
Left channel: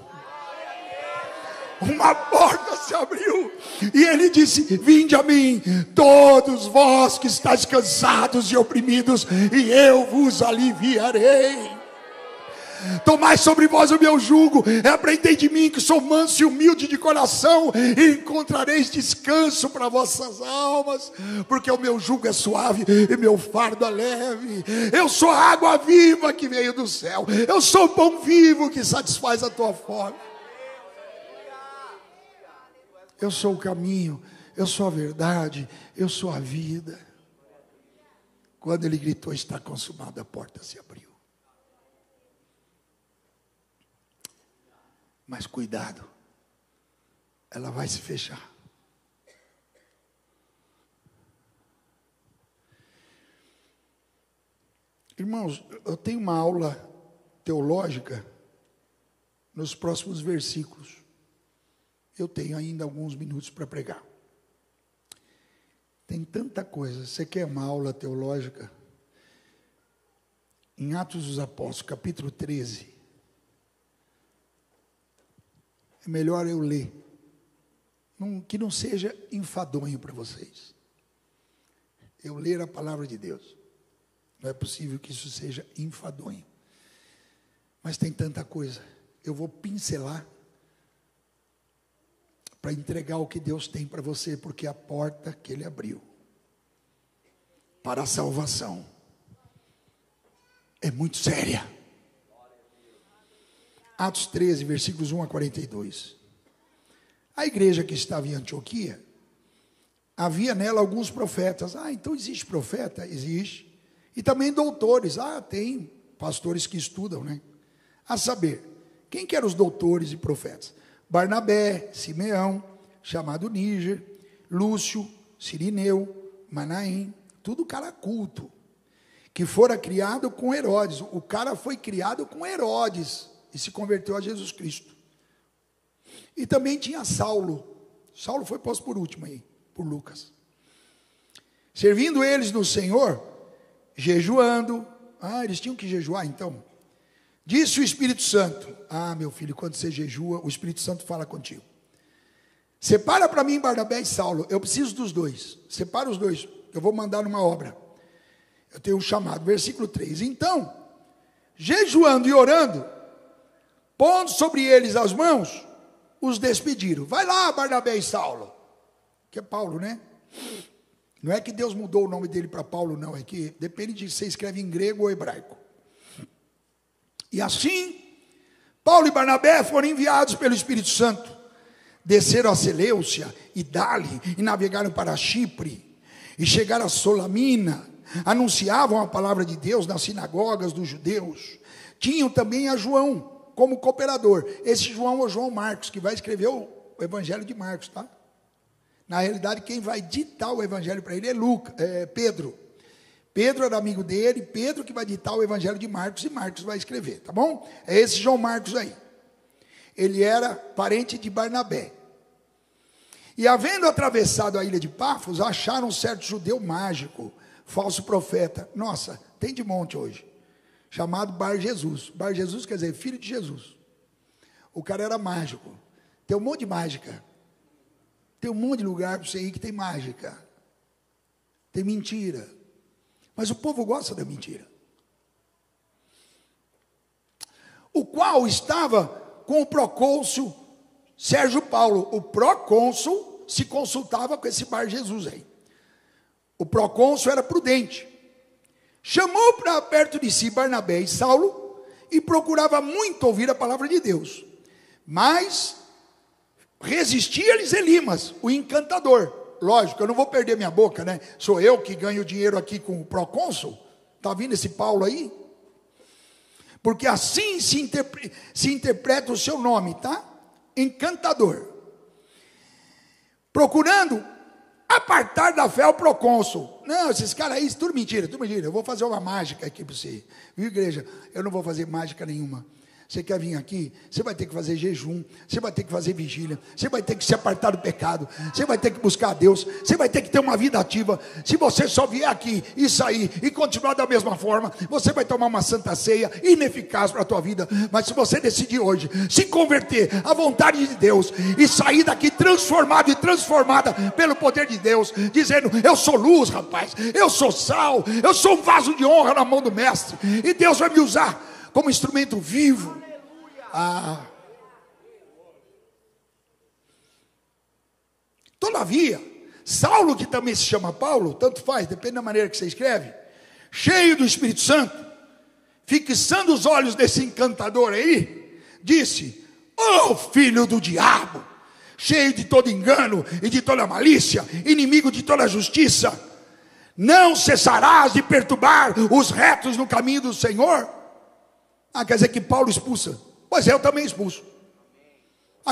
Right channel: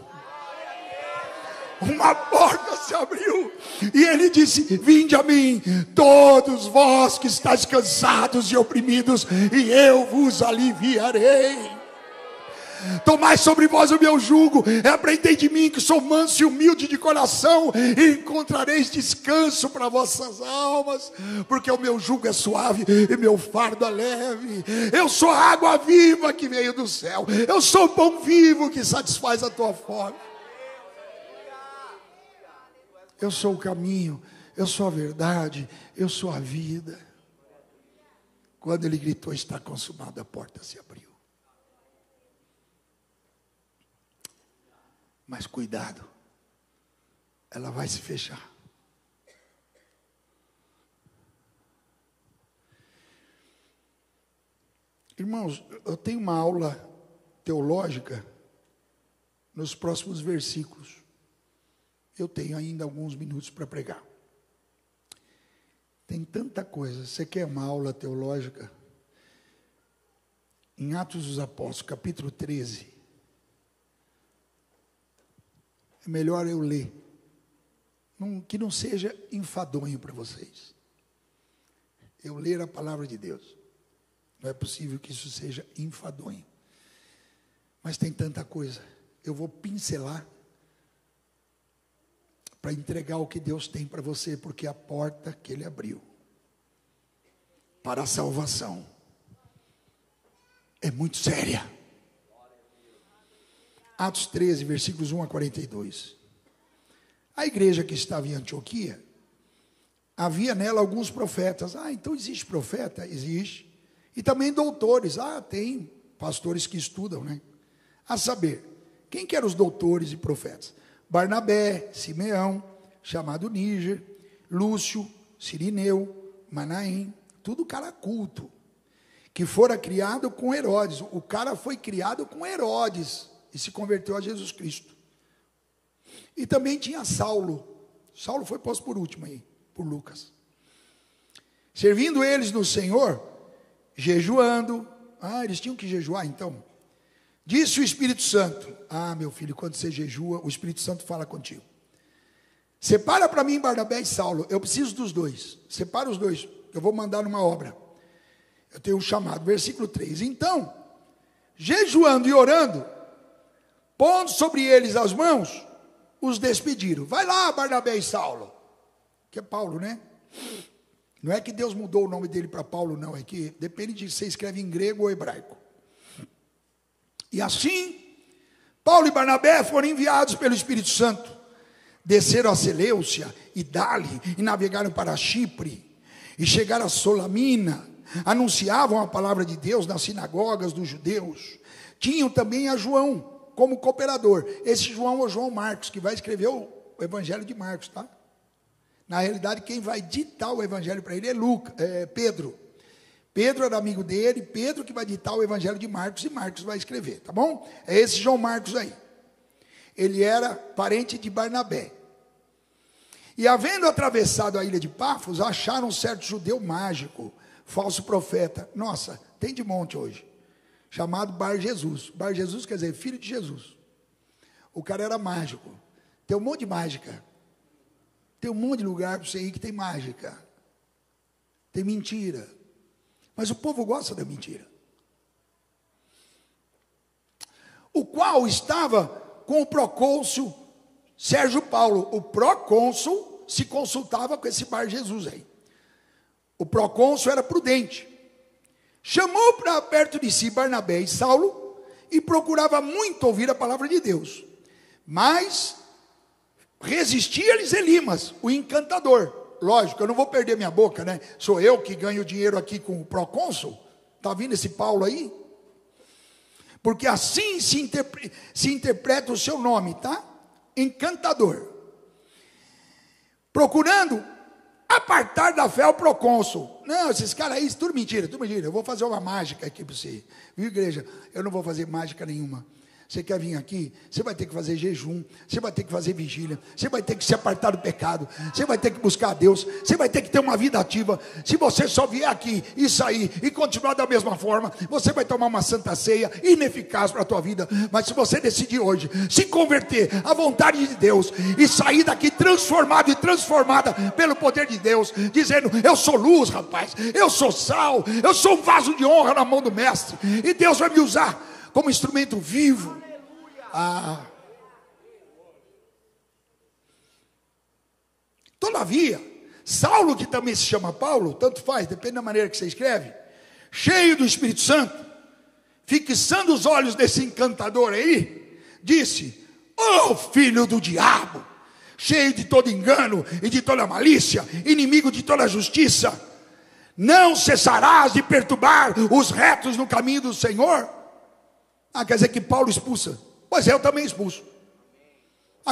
Uma porta se abriu e ele disse, vinde a mim, todos vós que estáis cansados e oprimidos, e eu vos aliviarei. Tomai sobre vós o meu jugo, e aprendei de mim que sou manso e humilde de coração, e encontrareis descanso para vossas almas, porque o meu jugo é suave e meu fardo é leve. Eu sou a água viva que veio do céu, eu sou o pão vivo que satisfaz a tua fome. Eu sou o caminho, eu sou a verdade, eu sou a vida. Quando ele gritou, está consumado, a porta se abriu. Mas cuidado, ela vai se fechar. Irmãos, eu tenho uma aula teológica nos próximos versículos. Eu tenho ainda alguns minutos para pregar. Tem tanta coisa. Você quer uma aula teológica? Em Atos dos Apóstolos, capítulo 13. É melhor eu ler. Que não seja enfadonho para vocês. Eu ler a palavra de Deus. Não é possível que isso seja enfadonho. Mas tem tanta coisa. Eu vou pincelar para entregar o que Deus tem para você, porque é a porta que Ele abriu para a salvação é muito séria. Atos 13, versículos 1 a 42. A igreja que estava em Antioquia, havia nela alguns profetas. Então existe profeta? Existe. E também doutores. Tem pastores que estudam, né? A saber, quem que eram os doutores e profetas? Barnabé, Simeão, chamado Níger, Lúcio, Cirineu, Manaém, tudo cara culto, que fora criado com Herodes. O cara foi criado com Herodes e se converteu a Jesus Cristo. E também tinha Saulo. Saulo foi posto por último aí, por Lucas. Servindo eles no Senhor, jejuando. Eles tinham que jejuar então. Disse o Espírito Santo: meu filho, quando você jejua, o Espírito Santo fala contigo. Separa para mim Barnabé e Saulo. Eu preciso dos dois. Separa os dois. Eu vou mandar numa obra. Eu tenho um chamado. Versículo 3. Então, jejuando e orando, pondo sobre eles as mãos, os despediram. Vai lá, Barnabé e Saulo. Que é Paulo, né? Não é que Deus mudou o nome dele para Paulo, não. É que depende de se você escreve em grego ou hebraico. E assim, Paulo e Barnabé foram enviados pelo Espírito Santo. Desceram a Seleucia e Dali e navegaram para Chipre. E chegaram a Solamina. Anunciavam a palavra de Deus nas sinagogas dos judeus. Tinham também a João como cooperador. Esse João é o João Marcos, que vai escrever o Evangelho de Marcos, tá? Na realidade, quem vai ditar o Evangelho para ele é Pedro. Pedro era amigo dele, Pedro que vai ditar o Evangelho de Marcos, e Marcos vai escrever, tá bom? É esse João Marcos aí. Ele era parente de Barnabé. E havendo atravessado a ilha de Pafos, acharam um certo judeu mágico, falso profeta. Nossa, tem de monte hoje. Chamado Bar Jesus. Bar Jesus quer dizer filho de Jesus. O cara era mágico. Tem um monte de mágica. Tem um monte de lugar para você ir que tem mágica. Tem mentira. Mas o povo gosta da mentira. O qual estava com o procônsul Sérgio Paulo. O procônsul se consultava com esse Bar Jesus aí. O procônsul era prudente. Chamou para perto de si Barnabé e Saulo e procurava muito ouvir a palavra de Deus. Mas resistia-lhes Elimas, o encantador. Lógico, eu não vou perder minha boca, né? Sou eu que ganho dinheiro aqui com o procônsul. Está vindo esse Paulo aí? Porque assim se interpreta o seu nome, tá? Encantador. Procurando apartar da fé o procônsul. Não, esses caras aí, tudo mentira, tudo mentira. Eu vou fazer uma mágica aqui para você. Viu, igreja? Eu não vou fazer mágica nenhuma. Você quer vir aqui? Você vai ter que fazer jejum, você vai ter que fazer vigília, você vai ter que se apartar do pecado, você vai ter que buscar a Deus, você vai ter que ter uma vida ativa. Se você só vier aqui e sair e continuar da mesma forma, você vai tomar uma santa ceia ineficaz para a tua vida. Mas se você decidir hoje se converter à vontade de Deus e sair daqui transformado e transformada pelo poder de Deus, dizendo: eu sou luz, rapaz, eu sou sal, eu sou um vaso de honra na mão do mestre, e Deus vai me usar como instrumento vivo. Todavia, Saulo, que também se chama Paulo, tanto faz, depende da maneira que você escreve, cheio do Espírito Santo, fixando os olhos desse encantador aí, disse: filho do diabo, cheio de todo engano e de toda malícia, inimigo de toda justiça, não cessarás de perturbar os retos no caminho do Senhor? Quer dizer que Paulo expulsa. Pois eu também expulso.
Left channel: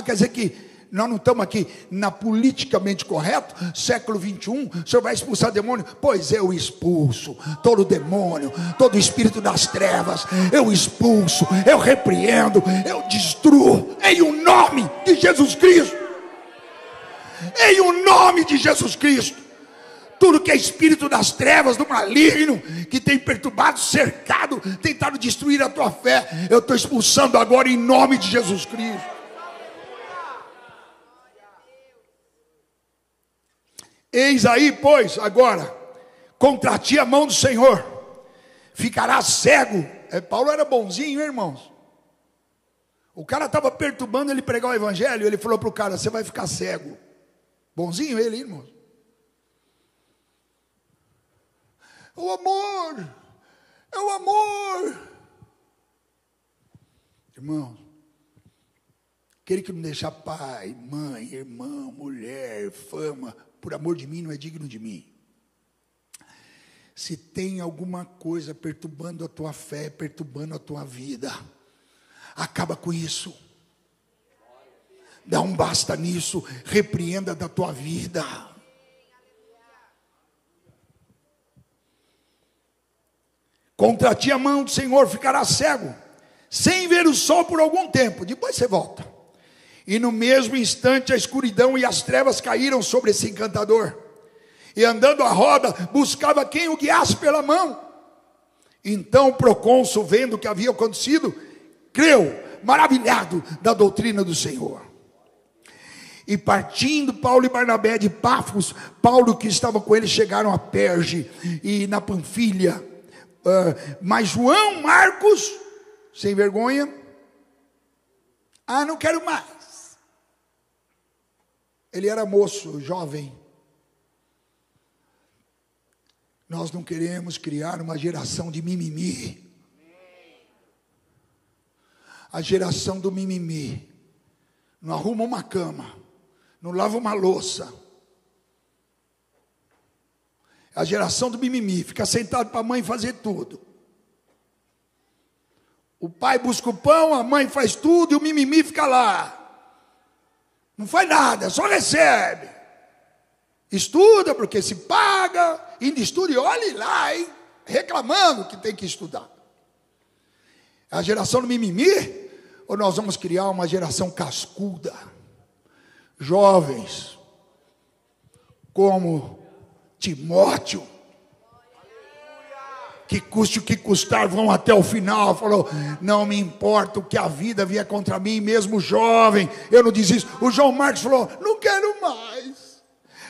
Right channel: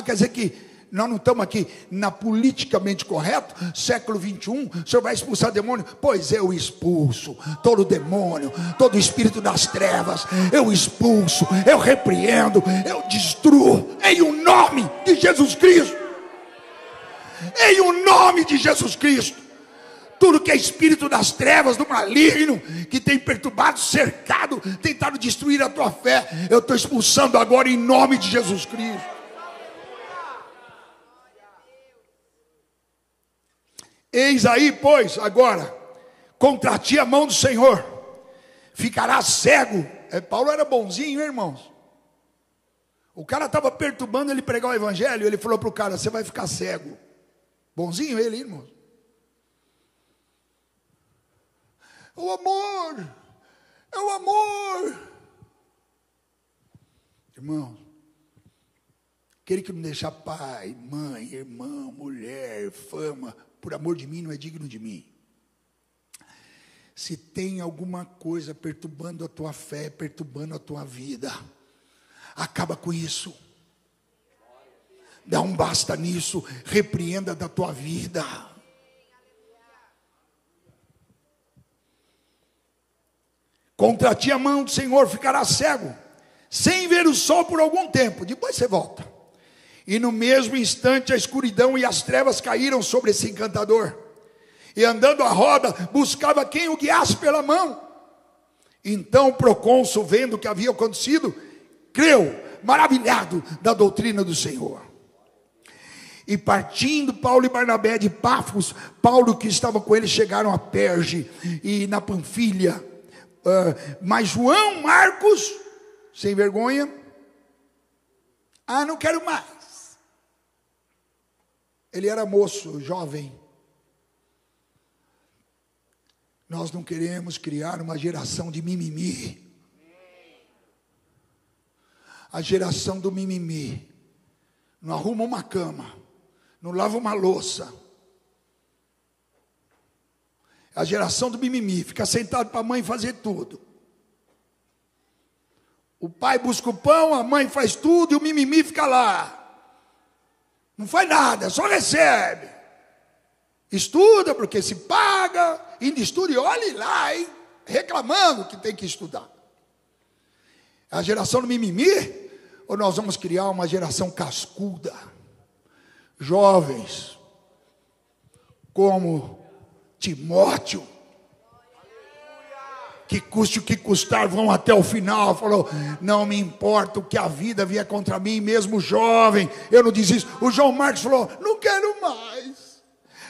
Quer dizer que Nós não estamos aqui na politicamente correto, século 21, o senhor vai expulsar demônio? Pois eu expulso todo demônio, todo espírito das trevas, eu expulso, eu repreendo, eu destruo, em o nome de Jesus Cristo, em o nome de Jesus Cristo. Tudo que é espírito das trevas, do maligno, que tem perturbado, cercado, tentado destruir a tua fé, eu estou expulsando agora em nome de Jesus Cristo. Eis aí, pois, agora, contra ti a mão do Senhor, ficarás cego. Paulo era bonzinho, hein, irmãos? O cara estava perturbando ele pregar o evangelho, ele falou para o cara, você vai ficar cego. Bonzinho ele, irmãos. O amor, é o amor. Irmãos, aquele que me deixar pai, mãe, irmã, mulher, fama, por amor de mim, não é digno de mim. Se tem alguma coisa perturbando a tua fé, perturbando a tua vida, acaba com isso. Dá um basta nisso, repreenda da tua vida. Contra ti a mão do Senhor ficará cego, sem ver o sol por algum tempo, depois você volta. E no mesmo instante a escuridão e as trevas caíram sobre esse encantador. E andando à roda, buscava quem o guiasse pela mão. Então o procônsul, vendo o que havia acontecido, creu, maravilhado da doutrina do Senhor. E partindo Paulo e Barnabé de Pafos, Paulo que estava com eles chegaram a Perge e na Panfilha. Mas João Marcos, sem vergonha, não quero mais. Ele era moço, jovem. Nós não queremos criar uma geração de mimimi. A geração do mimimi. Não arruma uma cama, não lava uma louça. A geração do mimimi, fica sentado para a mãe fazer tudo. O pai busca o pão, a mãe faz tudo e o mimimi fica lá. Não faz nada, só recebe. Estuda porque se paga, ainda estuda e olhe lá, hein? Reclamando que tem que estudar. A geração do mimimi, ou nós vamos criar uma geração cascuda? Jovens, como Timóteo, que custe o que custar, vão até o final. Falou, não me importa o que a vida vier contra mim, mesmo jovem, eu não desisto. O João Marcos falou, não quero mais.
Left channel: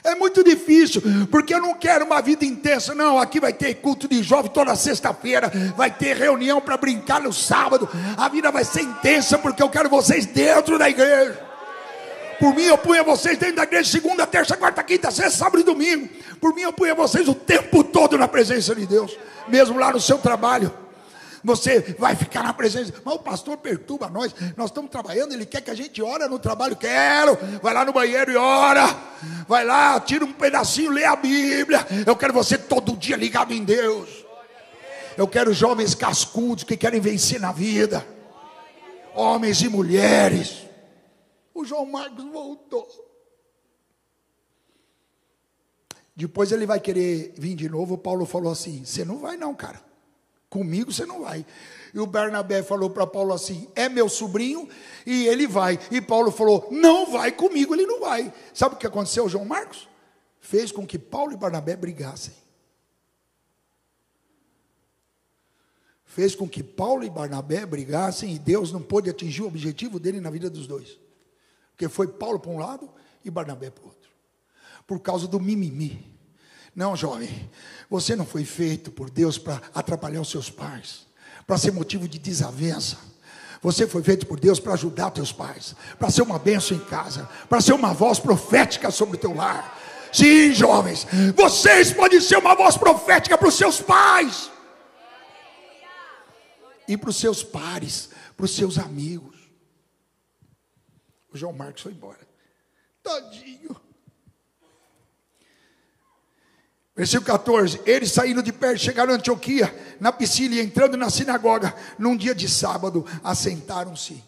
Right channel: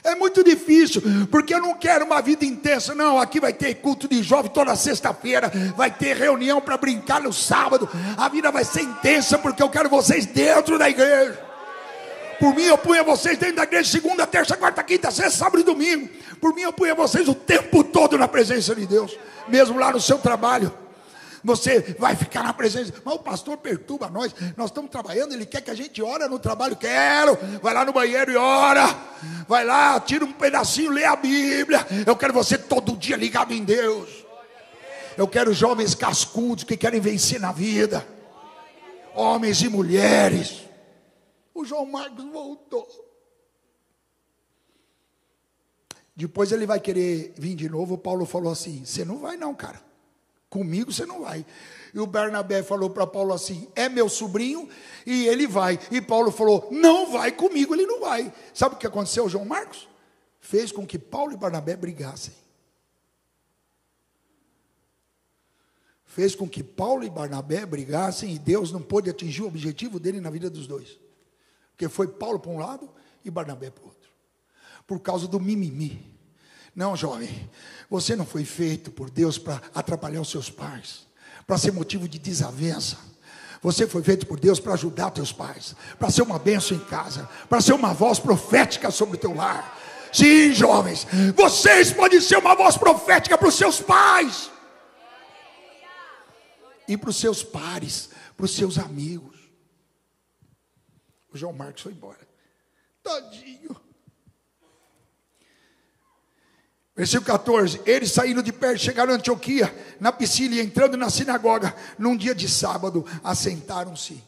É muito difícil, porque eu não quero uma vida intensa. Não, aqui vai ter culto de jovem toda sexta-feira, vai ter reunião para brincar no sábado. A vida vai ser intensa, porque eu quero vocês dentro da igreja. Por mim eu punha vocês dentro da igreja segunda, terça, quarta, quinta, sexta, sábado e domingo. Por mim eu punha vocês o tempo todo na presença de Deus. Mesmo lá no seu trabalho. Você vai ficar na presença. Mas o pastor perturba nós estamos trabalhando, ele quer que a gente ore no trabalho. Quero, vai lá no banheiro e ora. Vai lá, tira um pedacinho, lê a Bíblia. Eu quero você todo dia ligado em Deus. Eu quero jovens cascudos que querem vencer na vida. Homens e mulheres. O João Marcos voltou. Depois ele vai querer vir de novo. O Paulo falou assim, você não vai não, cara. Comigo você não vai. E o Barnabé falou para Paulo assim, é meu sobrinho e ele vai. E Paulo falou, não vai comigo, ele não vai. Sabe o que aconteceu, João Marcos? Fez com que Paulo e Barnabé brigassem. Fez com que Paulo e Barnabé brigassem e Deus não pôde atingir o objetivo dele na vida dos dois. Porque foi Paulo para um lado e Barnabé para o outro. Por causa do mimimi. Não, jovem, você não foi feito por Deus para atrapalhar os seus pais, para ser motivo de desavença. Você foi feito por Deus para ajudar teus pais, para ser uma bênção em casa, para ser uma voz profética sobre o teu lar. Sim, jovens, vocês podem ser uma voz profética para os seus pais e para os seus pares, para os seus amigos. O João Marcos foi embora. Tadinho. Versículo 14. Eles saindo de perto, chegaram a Antioquia, na Pisídia, entrando na sinagoga, num dia de sábado, assentaram-se.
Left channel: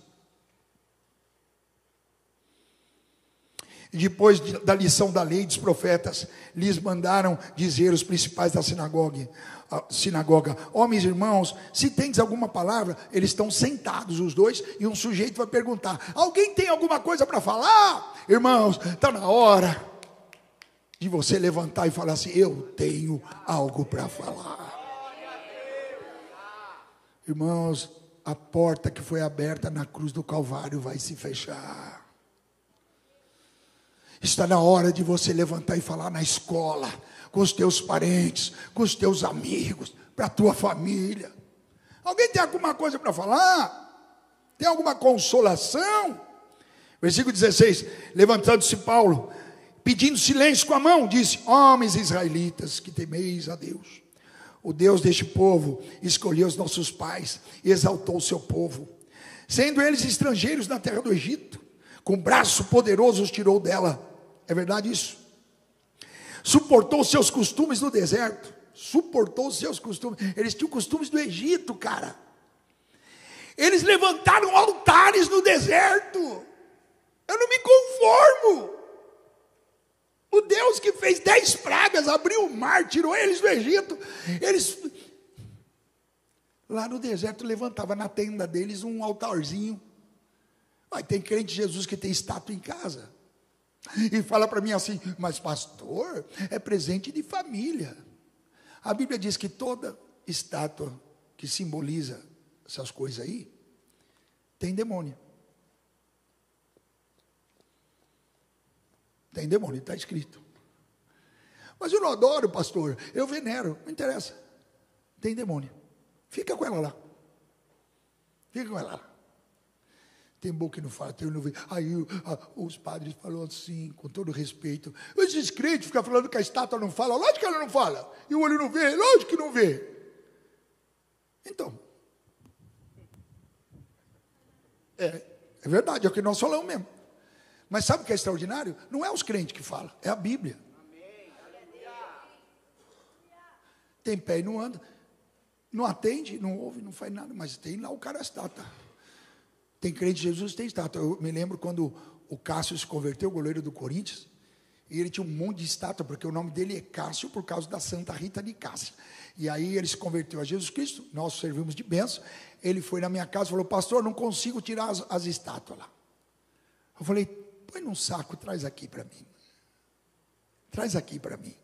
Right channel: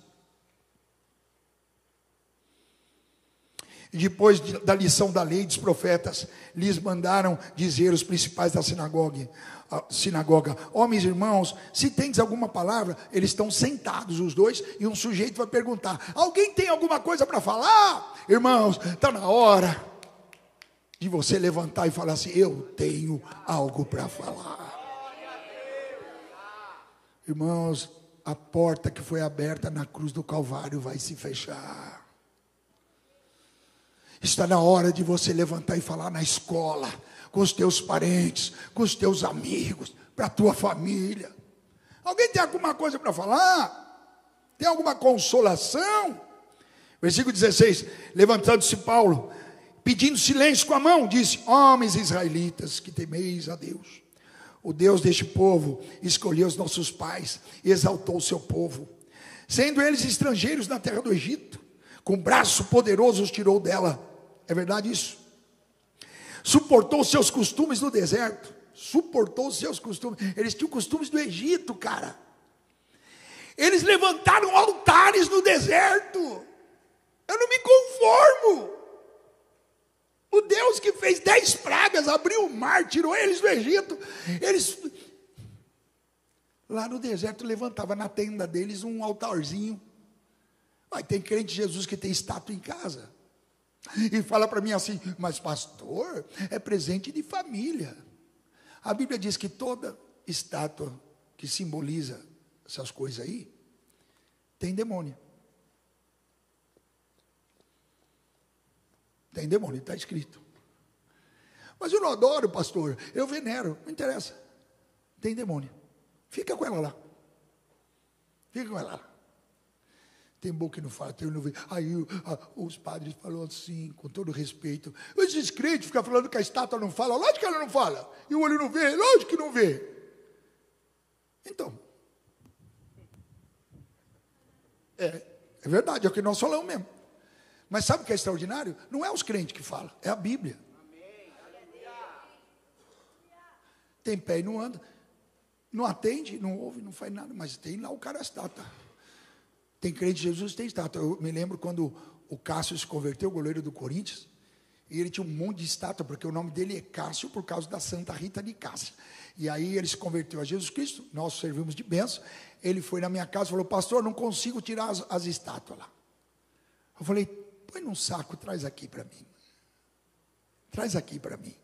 Depois da lição da lei dos profetas, lhes mandaram dizer os principais da sinagoga: homens e irmãos, se tendes alguma palavra. Eles estão sentados os dois, e um sujeito vai perguntar: alguém tem alguma coisa para falar? Irmãos, está na hora de você levantar e falar assim: eu tenho algo para falar. Irmãos, a porta que foi aberta na cruz do Calvário vai se fechar. Está na hora de você levantar e falar na escola, com os teus parentes, com os teus amigos, para a tua família. Alguém tem alguma coisa para falar? Tem alguma consolação? Versículo 16: levantando-se Paulo, pedindo silêncio com a mão, disse: homens israelitas, que temeis a Deus, o Deus deste povo escolheu os nossos pais e exaltou o seu povo, sendo eles estrangeiros na terra do Egito, com braço poderoso os tirou dela. É verdade isso? Suportou os seus costumes no deserto. Suportou os seus costumes. Eles tinham costumes do Egito, cara. Eles levantaram altares no deserto. Eu não me conformo. O Deus que fez 10 pragas, abriu o mar, tirou eles do Egito. Eles lá no deserto levantava na tenda deles um altarzinho. Mas tem crente de Jesus que tem estátua em casa. E fala para mim assim: mas pastor, é presente de família. A Bíblia diz que toda estátua que simboliza essas coisas aí tem demônio. Tem demônio, está escrito. Mas eu não adoro, pastor, eu venero, não interessa. Tem demônio. Fica com ela lá. Fica com ela lá. Tem boca que não fala, tem não vê. Aí os padres falaram assim, com todo respeito: esses crentes ficam falando que a estátua não fala. Lógico que ela não fala. E o olho não vê, lógico que não vê. Então, é verdade, é o que nós falamos mesmo. Mas sabe o que é extraordinário? Não é os crentes que falam, é a Bíblia. Tem pé e não anda. Não atende, não ouve, não faz nada. Mas tem lá o cara estátua. Tem crente de Jesus, tem estátua. Eu me lembro quando o Cássio se converteu, o goleiro do Corinthians, e ele tinha um monte de estátua, porque o nome dele é Cássio, por causa da Santa Rita de Cássia. E aí ele se converteu a Jesus Cristo, nós servimos de bênção. Ele foi na minha casa e falou: pastor, não consigo tirar as estátuas lá. Eu falei: põe num saco, traz aqui para mim. Traz aqui para mim.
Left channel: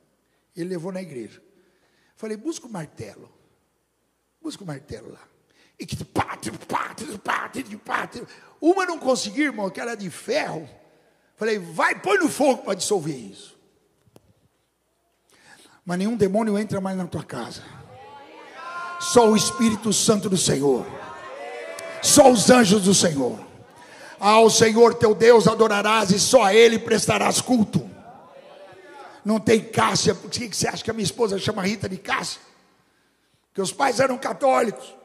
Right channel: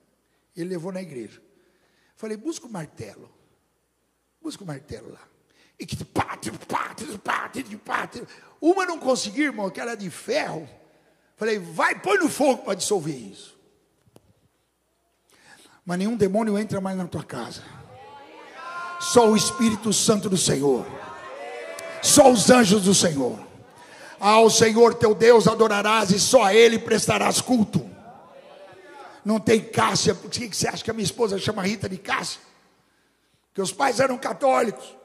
Ele levou na igreja. Eu falei: busca o martelo. Busca o martelo lá. E que uma não conseguiu, irmão, que era de ferro. Falei: vai, põe no fogo para dissolver isso. Mas nenhum demônio entra mais na tua casa. Só o Espírito Santo do Senhor. Só os anjos do Senhor. Ao Senhor teu Deus adorarás e só a Ele prestarás culto. Não tem Cássia. Por que você acha que a minha esposa chama Rita de Cássia? Porque os pais eram católicos.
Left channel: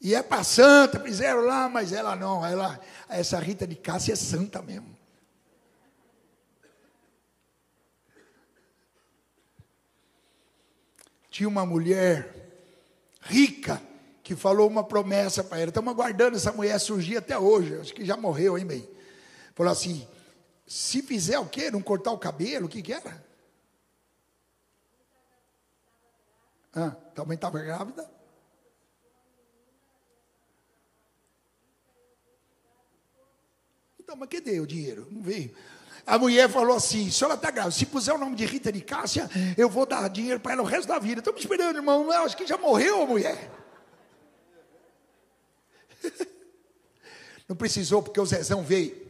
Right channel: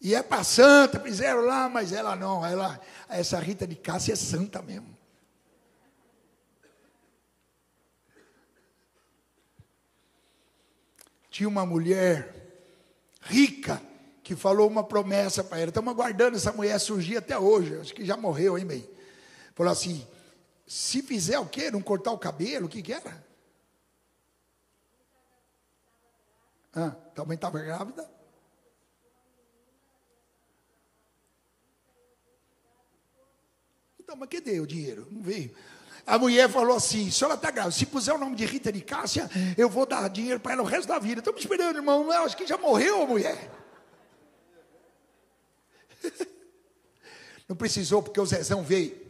E é para santa, fizeram lá, mas ela não. Essa Rita de Cássia é santa mesmo. Tinha uma mulher rica que falou uma promessa para ela. Estamos aguardando essa mulher surgir até hoje. Acho que já morreu, hein, bem? Falou assim: se fizer o quê? Não cortar o cabelo? O que era? Também estava grávida? Então, mas cadê o dinheiro? Não veio. A mulher falou assim: se ela está grávida, se puser o nome de Rita de Cássia, eu vou dar dinheiro para ela o resto da vida. Estamos esperando, irmão. Eu acho que já morreu a mulher. Não precisou, porque o Zezão veio.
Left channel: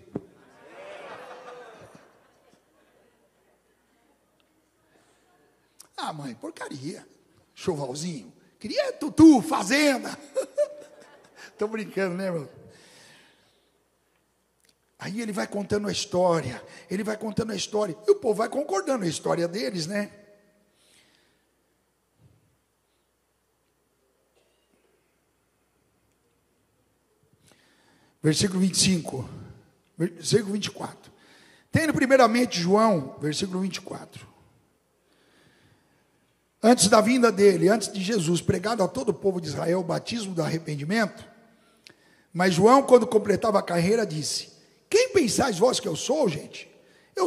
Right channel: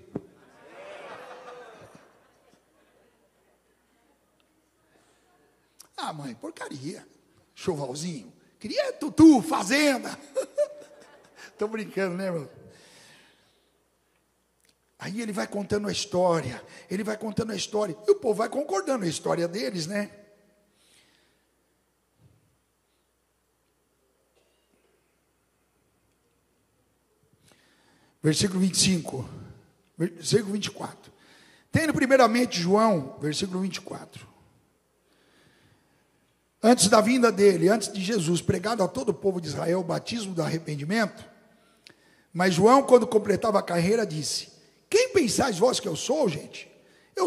Ah, mãe, porcaria. Chovalzinho. Queria tutu, fazenda. Estou brincando, né, irmão? Aí ele vai contando a história. Ele vai contando a história. E o povo vai concordando a história deles, né? Versículo 25. Versículo 24. Tendo primeiramente João, versículo 24. Antes da vinda dele, antes de Jesus, pregado a todo o povo de Israel o batismo do arrependimento. Mas João, quando completava a carreira, disse: quem pensais vós que eu sou, gente? Eu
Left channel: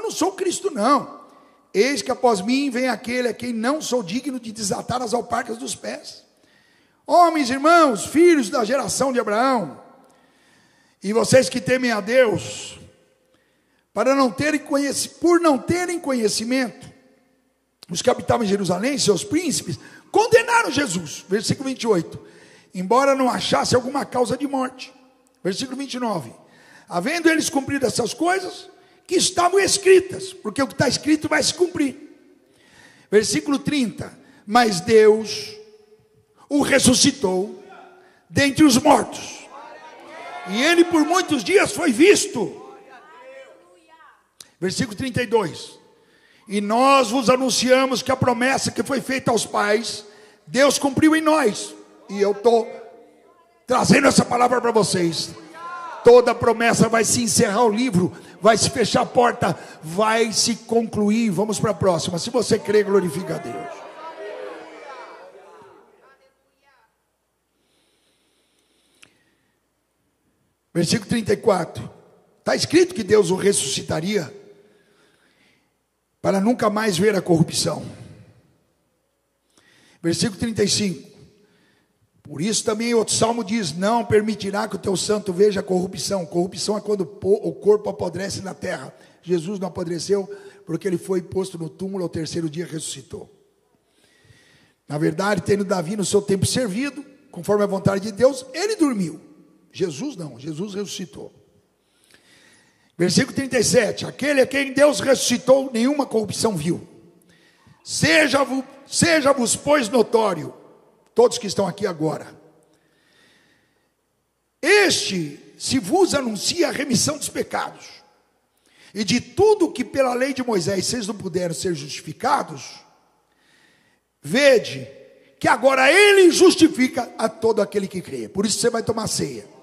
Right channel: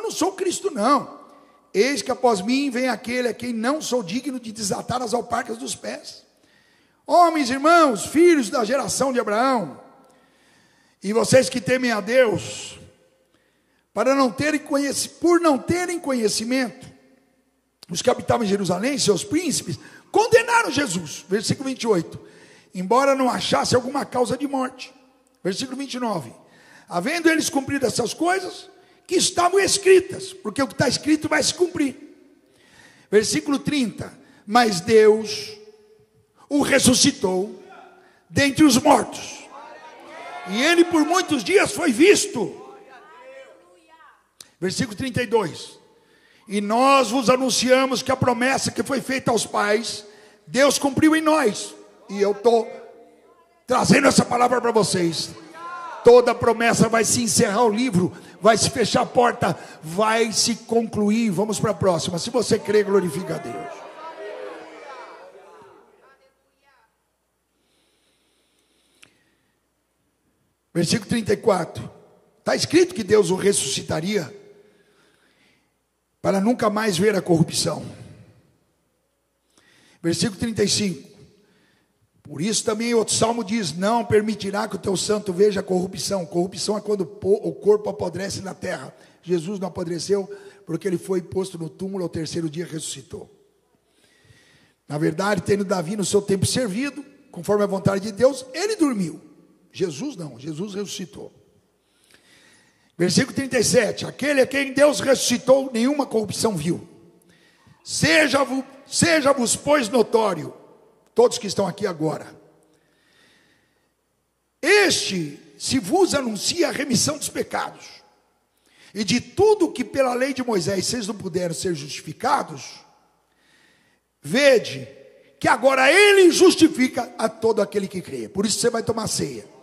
não sou Cristo, não. Eis que após mim vem aquele a quem não sou digno de desatar as alparcas dos pés. Homens, irmãos, filhos da geração de Abraão, e vocês que temem a Deus, por não terem conhecimento, os que habitavam em Jerusalém, seus príncipes, condenaram Jesus. Versículo 28. Embora não achasse alguma causa de morte. Versículo 29. Havendo eles cumprido essas coisas que estavam escritas, porque o que está escrito vai se cumprir. Versículo 30. Mas Deus o ressuscitou dentre os mortos, e ele por muitos dias foi visto. Versículo 32. E nós vos anunciamos que a promessa que foi feita aos pais, Deus cumpriu em nós. E eu estou trazendo essa palavra para vocês. Toda promessa vai se encerrar o livro, vai se fechar a porta, vai se concluir. Vamos para a próxima. Se você crê, glorifica a Deus. Versículo 34. Está escrito que Deus o ressuscitaria para nunca mais ver a corrupção. Versículo 35. Por isso também outro salmo diz: não permitirá que o teu santo veja a corrupção. Corrupção é quando o corpo apodrece na terra. Jesus não apodreceu porque ele foi posto no túmulo, ao terceiro dia ressuscitou. Na verdade, tendo Davi no seu tempo servido, conforme a vontade de Deus, ele dormiu. Jesus não, Jesus ressuscitou. Versículo 37. Aquele a quem Deus ressuscitou, nenhuma corrupção viu. Seja-vos, pois, notório, todos que estão aqui agora, este se vos anuncia a remissão dos pecados, e de tudo que pela lei de Moisés vocês não puderam ser justificados, vede que agora ele justifica a todo aquele que crê. Por isso você vai tomar ceia.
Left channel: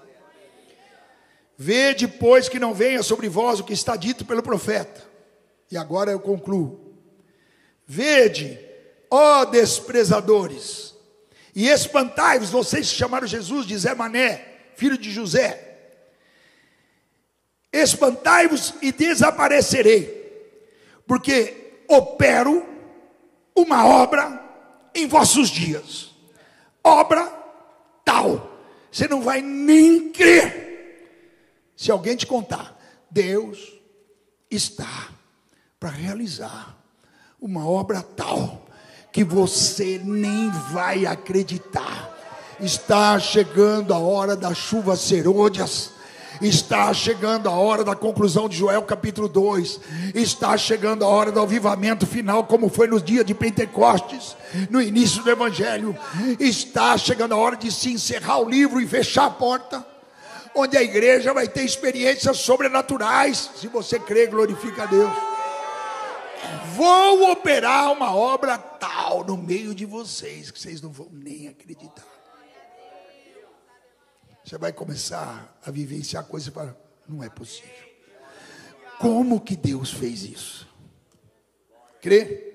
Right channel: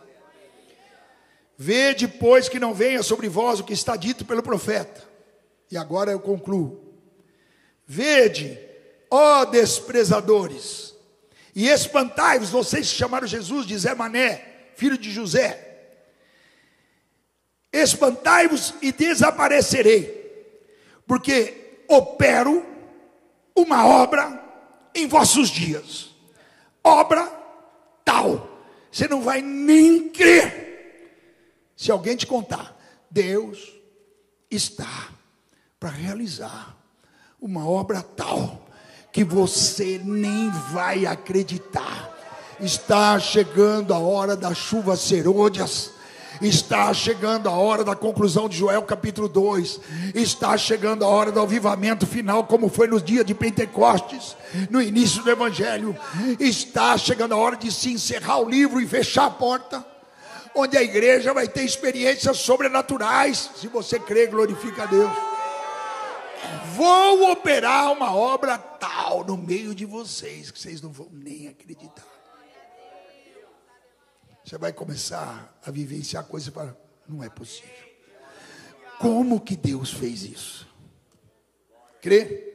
Vede, pois, que não venha sobre vós o que está dito pelo profeta. E agora eu concluo. Vede, ó desprezadores, e espantai-vos, vocês que chamaram Jesus de Zé Mané, filho de José. Espantai-vos e desaparecerei, porque opero uma obra em vossos dias. Obra tal, você não vai nem crer. Se alguém te contar, Deus está para realizar uma obra tal que você nem vai acreditar. Está chegando a hora das chuvas serôdias. Está chegando a hora da conclusão de Joel capítulo 2. Está chegando a hora do avivamento final, como foi nos dias de Pentecostes, no início do Evangelho. Está chegando a hora de se encerrar o livro e fechar a porta, onde a igreja vai ter experiências sobrenaturais. Se você crê, glorifica a Deus. Vou operar uma obra tal no meio de vocês, que vocês não vão nem acreditar. Você vai começar a vivenciar coisas para... não é possível. Como que Deus fez isso? Crê?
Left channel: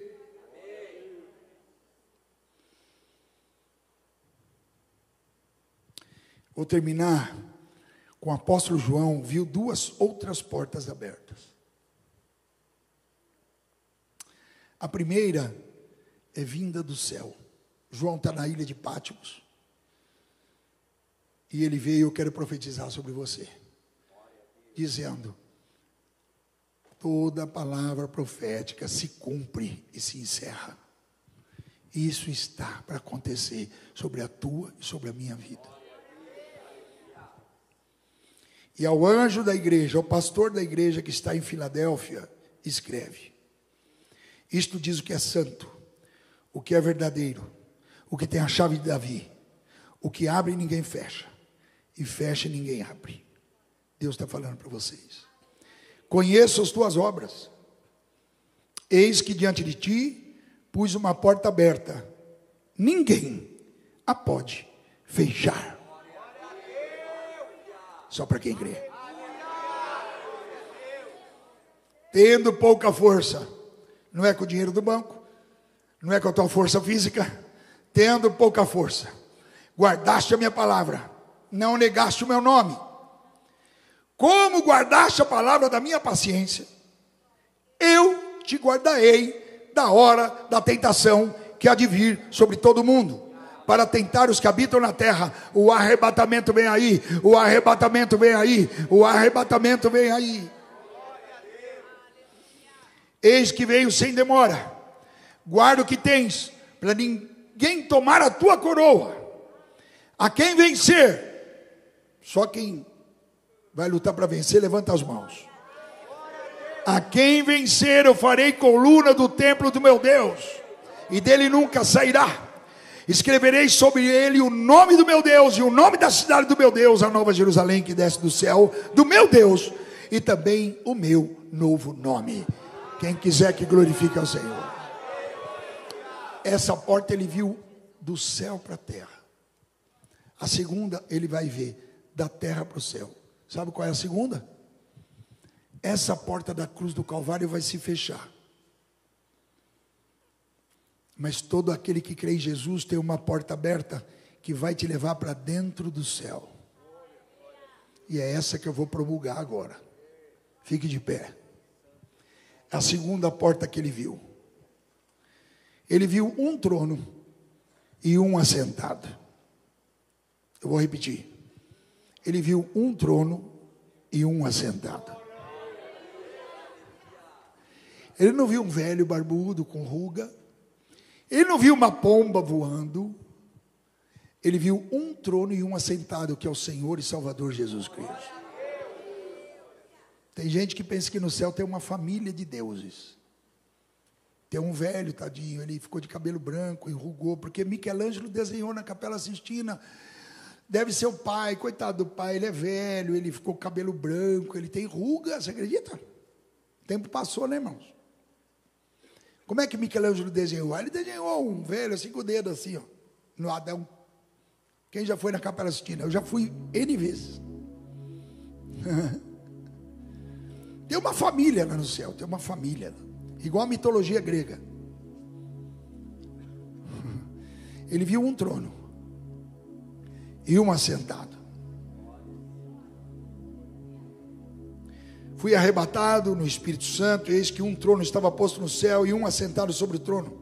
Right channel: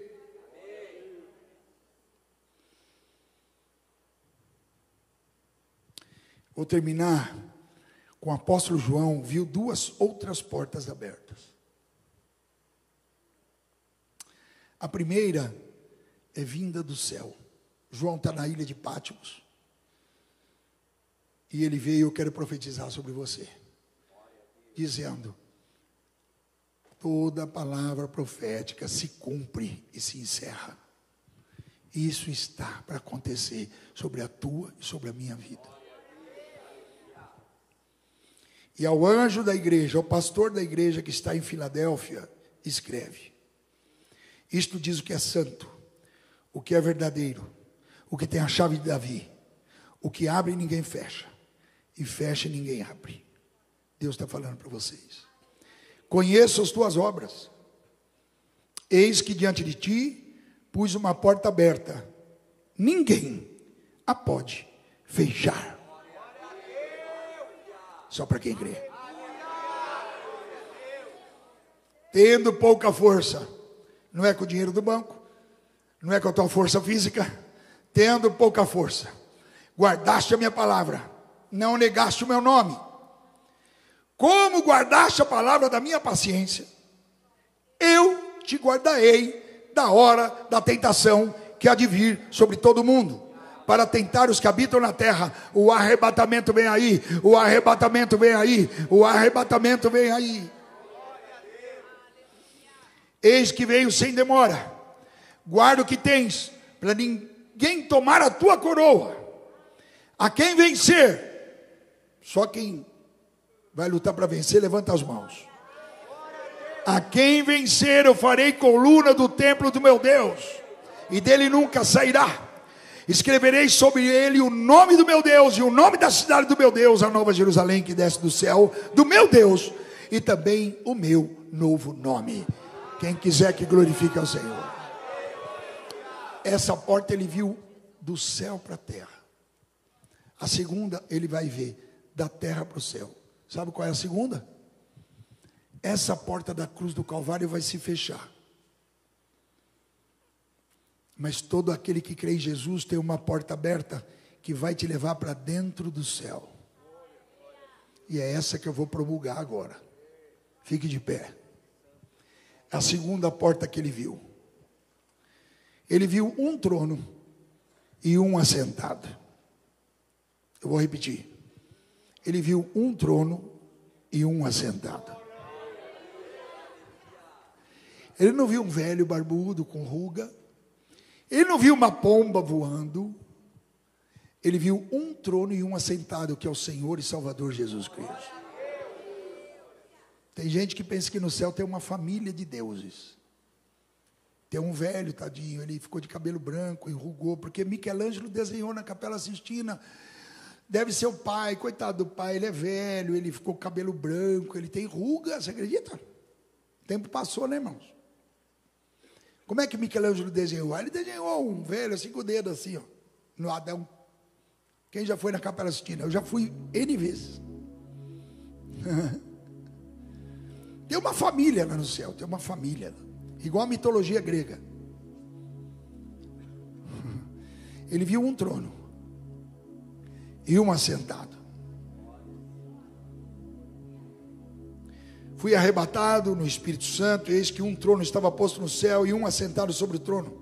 Vou terminar com o apóstolo João. Viu duas outras portas abertas. A primeira é vinda do céu. João está na ilha de Pátimos. E ele veio: eu quero profetizar sobre você, dizendo: toda palavra profética se cumpre e se encerra. Isso está para acontecer sobre a tua e sobre a minha vida. E ao anjo da igreja, ao pastor da igreja que está em Filadélfia, escreve: isto diz o que é santo, o que é verdadeiro, o que tem a chave de Davi, o que abre e ninguém fecha, e fecha e ninguém abre. Deus está falando para vocês. Conheço as tuas obras. Eis que diante de ti pus uma porta aberta, ninguém a pode fechar. Só para quem crê. Tendo pouca força, não é com o dinheiro do banco, não é com a tua força física. Tendo pouca força, guardaste a minha palavra, não negaste o meu nome. Como guardaste a palavra da minha paciência, eu te guardarei da hora da tentação que há de vir sobre todo mundo, para tentar os que habitam na terra. O arrebatamento vem aí, o arrebatamento vem aí, o arrebatamento vem aí. Eis que veio sem demora, guarda o que tens, para ninguém tomar a tua coroa. A quem vencer, só quem vai lutar para vencer, levanta as mãos. A quem vencer, eu farei coluna do templo do meu Deus, e dele nunca sairá. Escreverei sobre ele o nome do meu Deus e o nome da cidade do meu Deus, a nova Jerusalém que desce do céu, do meu Deus, e também o meu novo nome. Quem quiser que glorifique ao Senhor. Essa porta ele viu do céu para a terra. A segunda ele vai ver da terra para o céu. Sabe qual é a segunda? Essa porta da cruz do Calvário vai se fechar. Mas todo aquele que crê em Jesus tem uma porta aberta que vai te levar para dentro do céu. E é essa que eu vou promulgar agora. Fique de pé. A segunda porta que ele viu. Ele viu um trono e um assentado. Eu vou repetir. Ele viu um trono e um assentado. Ele não viu um velho barbudo com ruga. Ele não viu uma pomba voando. Ele viu um trono e um assentado, que é o Senhor e Salvador Jesus Cristo. Tem gente que pensa que no céu tem uma família de deuses. Tem um velho, tadinho, ele ficou de cabelo branco, enrugou, porque Michelangelo desenhou na Capela Sistina. Deve ser o pai, coitado do pai, ele é velho, ele ficou com cabelo branco, ele tem ruga, você acredita? O tempo passou, né, irmãos? Como é que Michelangelo desenhou? Ele desenhou um velho, assim, com o dedo assim, ó, no Adão. Quem já foi na Capela Sistina? Eu já fui N vezes. Tem uma família lá no céu, tem uma família, igual a mitologia grega. Ele viu um trono e um assentado. Fui arrebatado no Espírito Santo, e eis que um trono estava posto no céu e um assentado sobre o trono.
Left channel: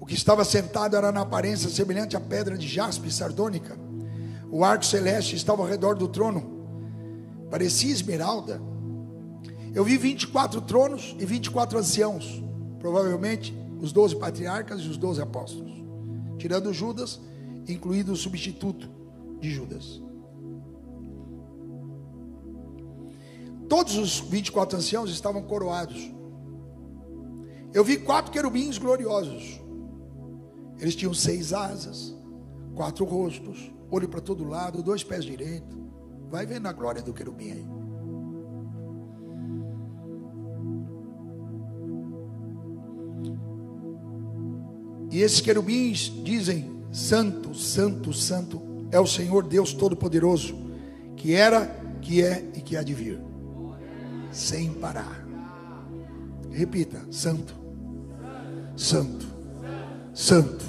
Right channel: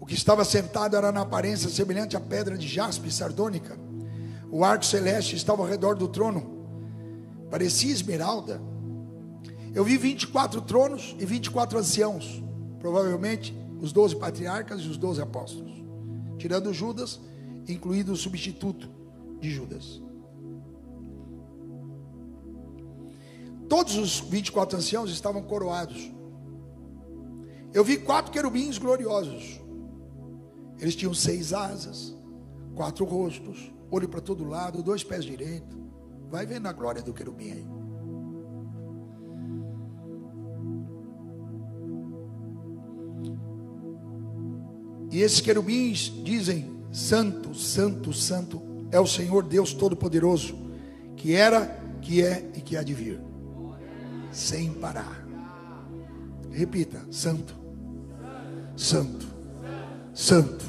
O que estava sentado era na aparência semelhante à pedra de jaspe sardônica. O arco celeste estava ao redor do trono, parecia esmeralda. Eu vi 24 tronos e 24 anciãos, provavelmente os 12 patriarcas e os 12 apóstolos, tirando Judas, incluído o substituto de Judas. Todos os 24 anciãos estavam coroados. Eu vi 4 querubins gloriosos. Eles tinham 6 asas, 4 rostos, olho para todo lado, 2 pés direitos. Vai vendo a glória do querubim aí. E esses querubins dizem: Santo, Santo, Santo é o Senhor Deus Todo-Poderoso, que era, que é e que há de vir. Sem parar. Repita: Santo, Santo, Santo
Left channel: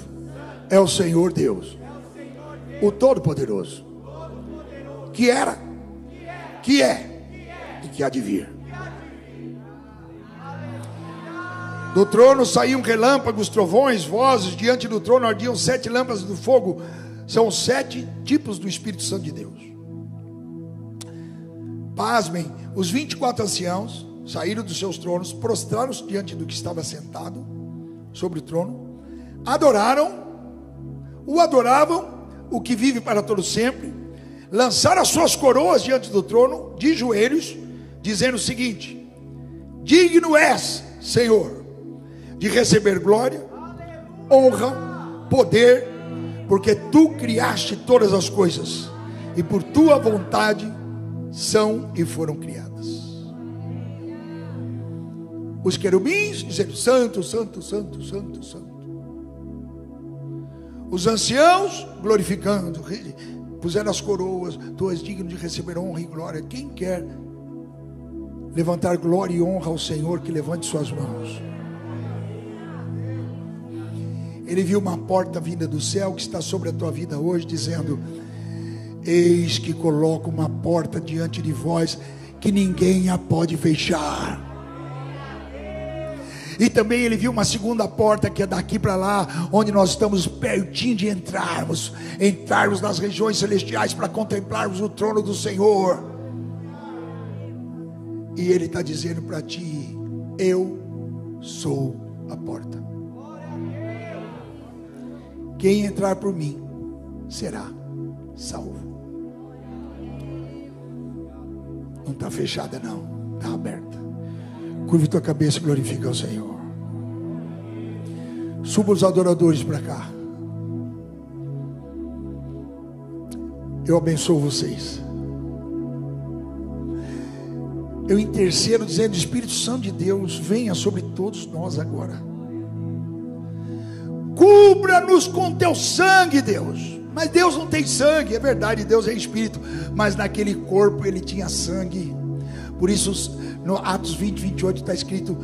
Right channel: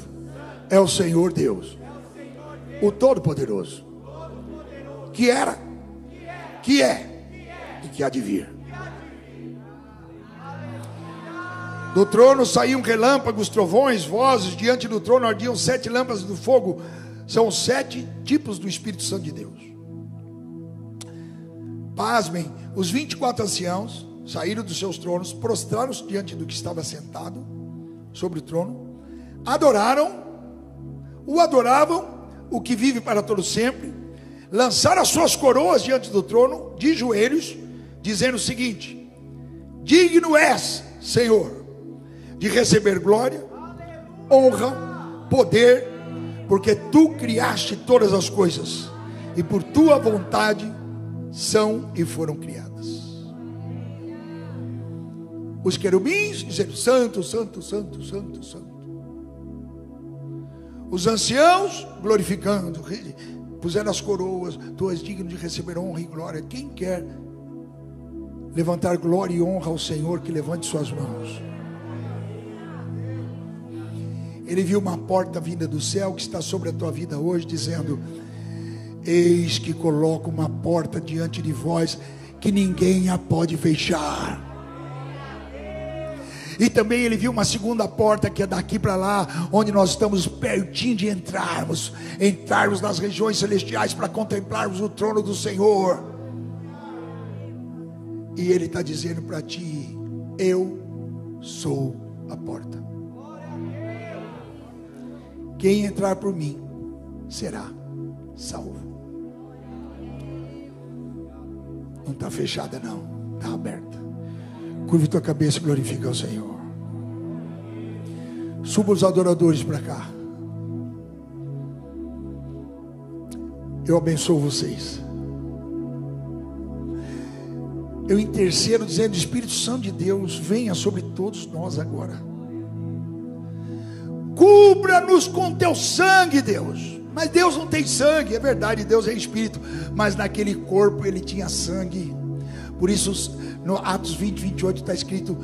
é o Senhor Deus, o Todo-Poderoso, que era, que é e que há de vir. Do trono saíam relâmpagos, trovões, vozes. Diante do trono ardiam 7 lâmpadas do fogo. São 7 tipos do Espírito Santo de Deus. Pasmem, os 24 anciãos saíram dos seus tronos, prostraram-se diante do que estava sentado sobre o trono, adoravam, o que vive para todo sempre, lançaram as suas coroas diante do trono, de joelhos, dizendo o seguinte: digno és, Senhor, de receber glória, honra, poder, porque tu criaste todas as coisas, e por tua vontade são e foram criadas. Os querubins dizendo: Santo, Santo, Santo, Santo, Santo. Os anciãos glorificando, puseram as coroas. Tu és digno de receber honra e glória. Quem quer levantar glória e honra ao Senhor, que levante suas mãos. Ele viu uma porta vinda do céu que está sobre a tua vida hoje, dizendo: eis que coloco uma porta diante de vós, que ninguém a pode fechar. E também ele viu uma segunda porta que é daqui para lá, onde nós estamos pertinho de entrarmos nas regiões celestiais para contemplarmos o trono do Senhor. E ele está dizendo para ti: eu sou a porta. Quem entrar por mim será salvo. Não está fechada não, está aberta. Curve tua cabeça e glorifica o Senhor. Suba os adoradores para cá. Eu abençoo vocês. Eu intercedo dizendo: Espírito Santo de Deus, venha sobre todos nós agora. Cubra-nos com teu sangue, Deus. Mas Deus não tem sangue, é verdade, Deus é Espírito, mas naquele corpo ele tinha sangue. Por isso no Atos 20, 28 está escrito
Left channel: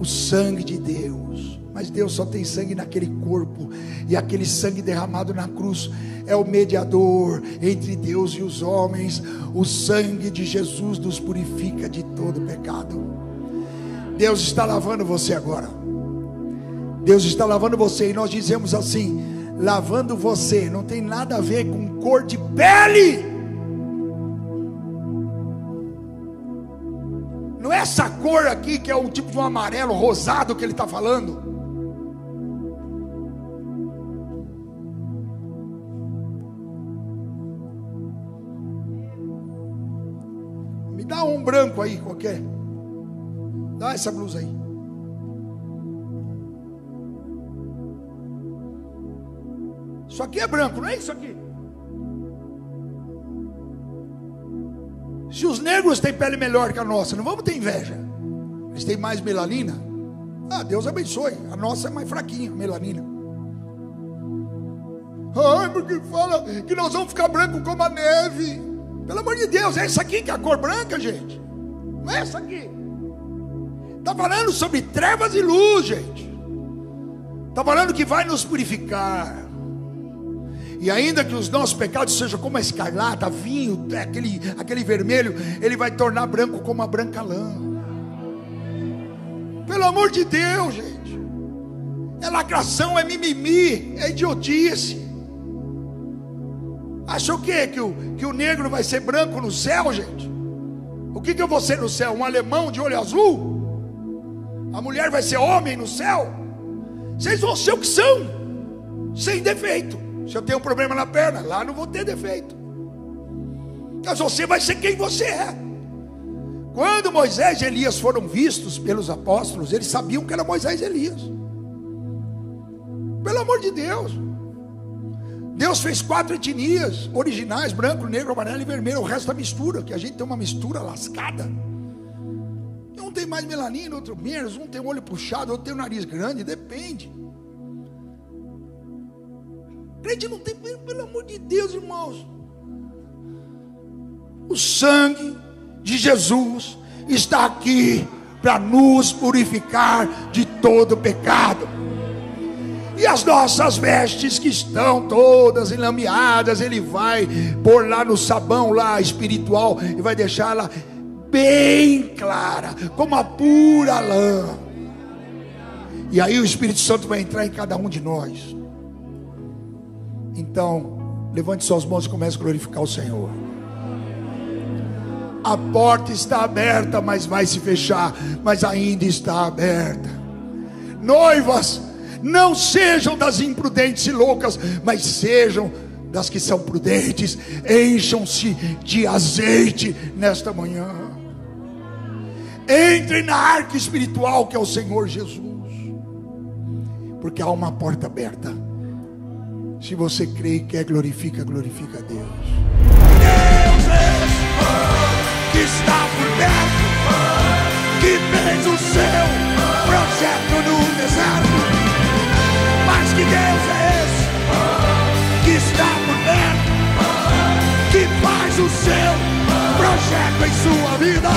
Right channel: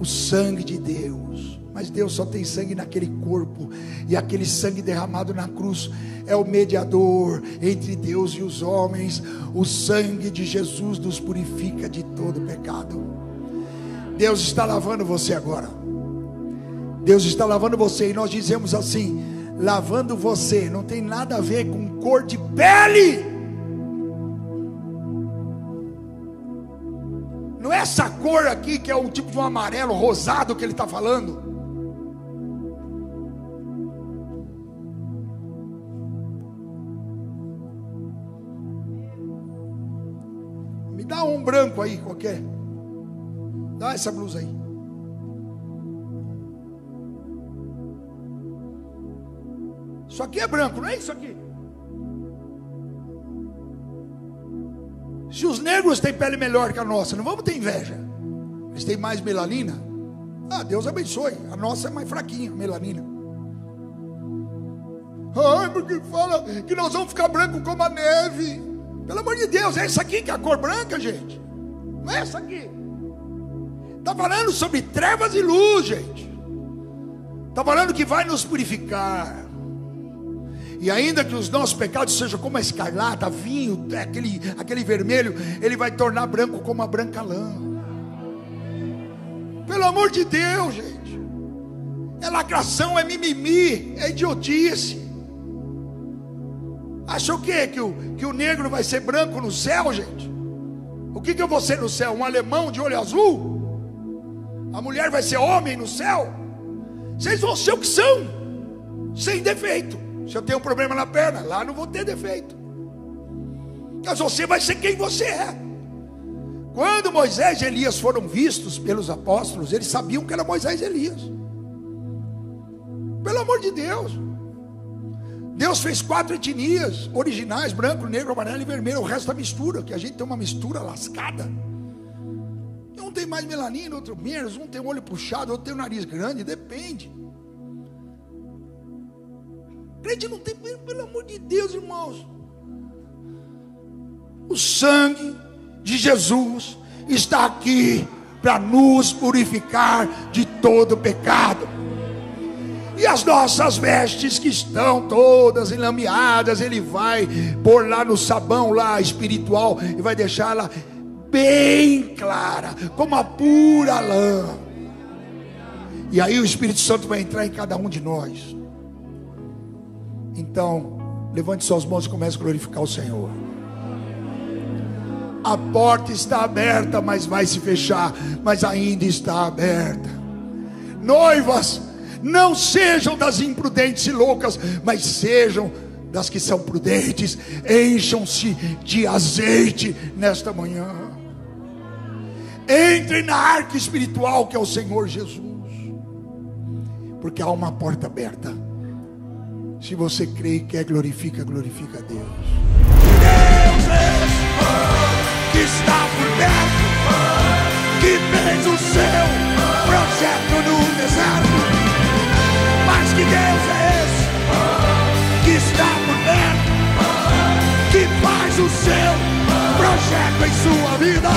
o sangue de Deus. Mas Deus só tem sangue naquele corpo, e aquele sangue derramado na cruz é o mediador entre Deus e os homens. O sangue de Jesus nos purifica de todo pecado. Deus está lavando você agora. Deus está lavando você, e nós dizemos assim: lavando você não tem nada a ver com cor de pele. Não é essa cor aqui que é o tipo de um amarelo rosado que ele está falando. Me dá um branco aí qualquer. Dá essa blusa aí. Isso aqui é branco, não é isso aqui? Se os negros têm pele melhor que a nossa, não vamos ter inveja. Eles têm mais melanina. Ah, Deus abençoe. A nossa é mais fraquinha, melanina. Ai, porque fala que nós vamos ficar branco como a neve. Pelo amor de Deus, é essa aqui que é a cor branca, gente. Não é essa aqui. Está falando sobre trevas e luz, gente. Está falando que vai nos purificar. E ainda que os nossos pecados sejam como a escarlata, vinho, aquele vermelho, ele vai tornar branco como a branca lã. Pelo amor de Deus, gente. É lacração, é mimimi, é idiotice. Acha o quê? Que o negro vai ser branco no céu, gente? O que eu vou ser no céu? Um alemão de olho azul? A mulher vai ser homem no céu? Vocês vão ser o que são, sem defeito. Se eu tenho um problema na perna, lá não vou ter defeito. Mas você vai ser quem você é. Quando Moisés e Elias foram vistos pelos apóstolos, eles sabiam que era Moisés e Elias. Pelo amor de Deus. Deus fez 4 etnias originais: branco, negro, amarelo e vermelho. O resto é mistura, que a gente tem uma mistura lascada. Um tem mais melanina, outro menos. Um tem o olho puxado, outro tem o nariz grande. Depende. Crente não tem, pelo amor de Deus, irmãos. O sangue de Jesus está aqui para nos purificar de todo pecado. E as nossas vestes que estão todas enlameadas, ele vai pôr lá no sabão lá espiritual e vai deixá-la bem clara, como a pura lã. E aí o Espírito Santo vai entrar em cada um de nós. Então, levante suas mãos e comece a glorificar o Senhor. A porta está aberta, mas vai se fechar, mas ainda está aberta. Noivas, não sejam das imprudentes e loucas, mas sejam das que são prudentes. Encham-se de azeite nesta manhã. Entrem na arca espiritual que é o Senhor Jesus, porque há uma porta aberta. Se você crê e quer, glorifica a Deus. Deus que está por perto, que fez o seu projeto no deserto. Mas que Deus é esse que está por perto, que faz o seu projeto em sua vida?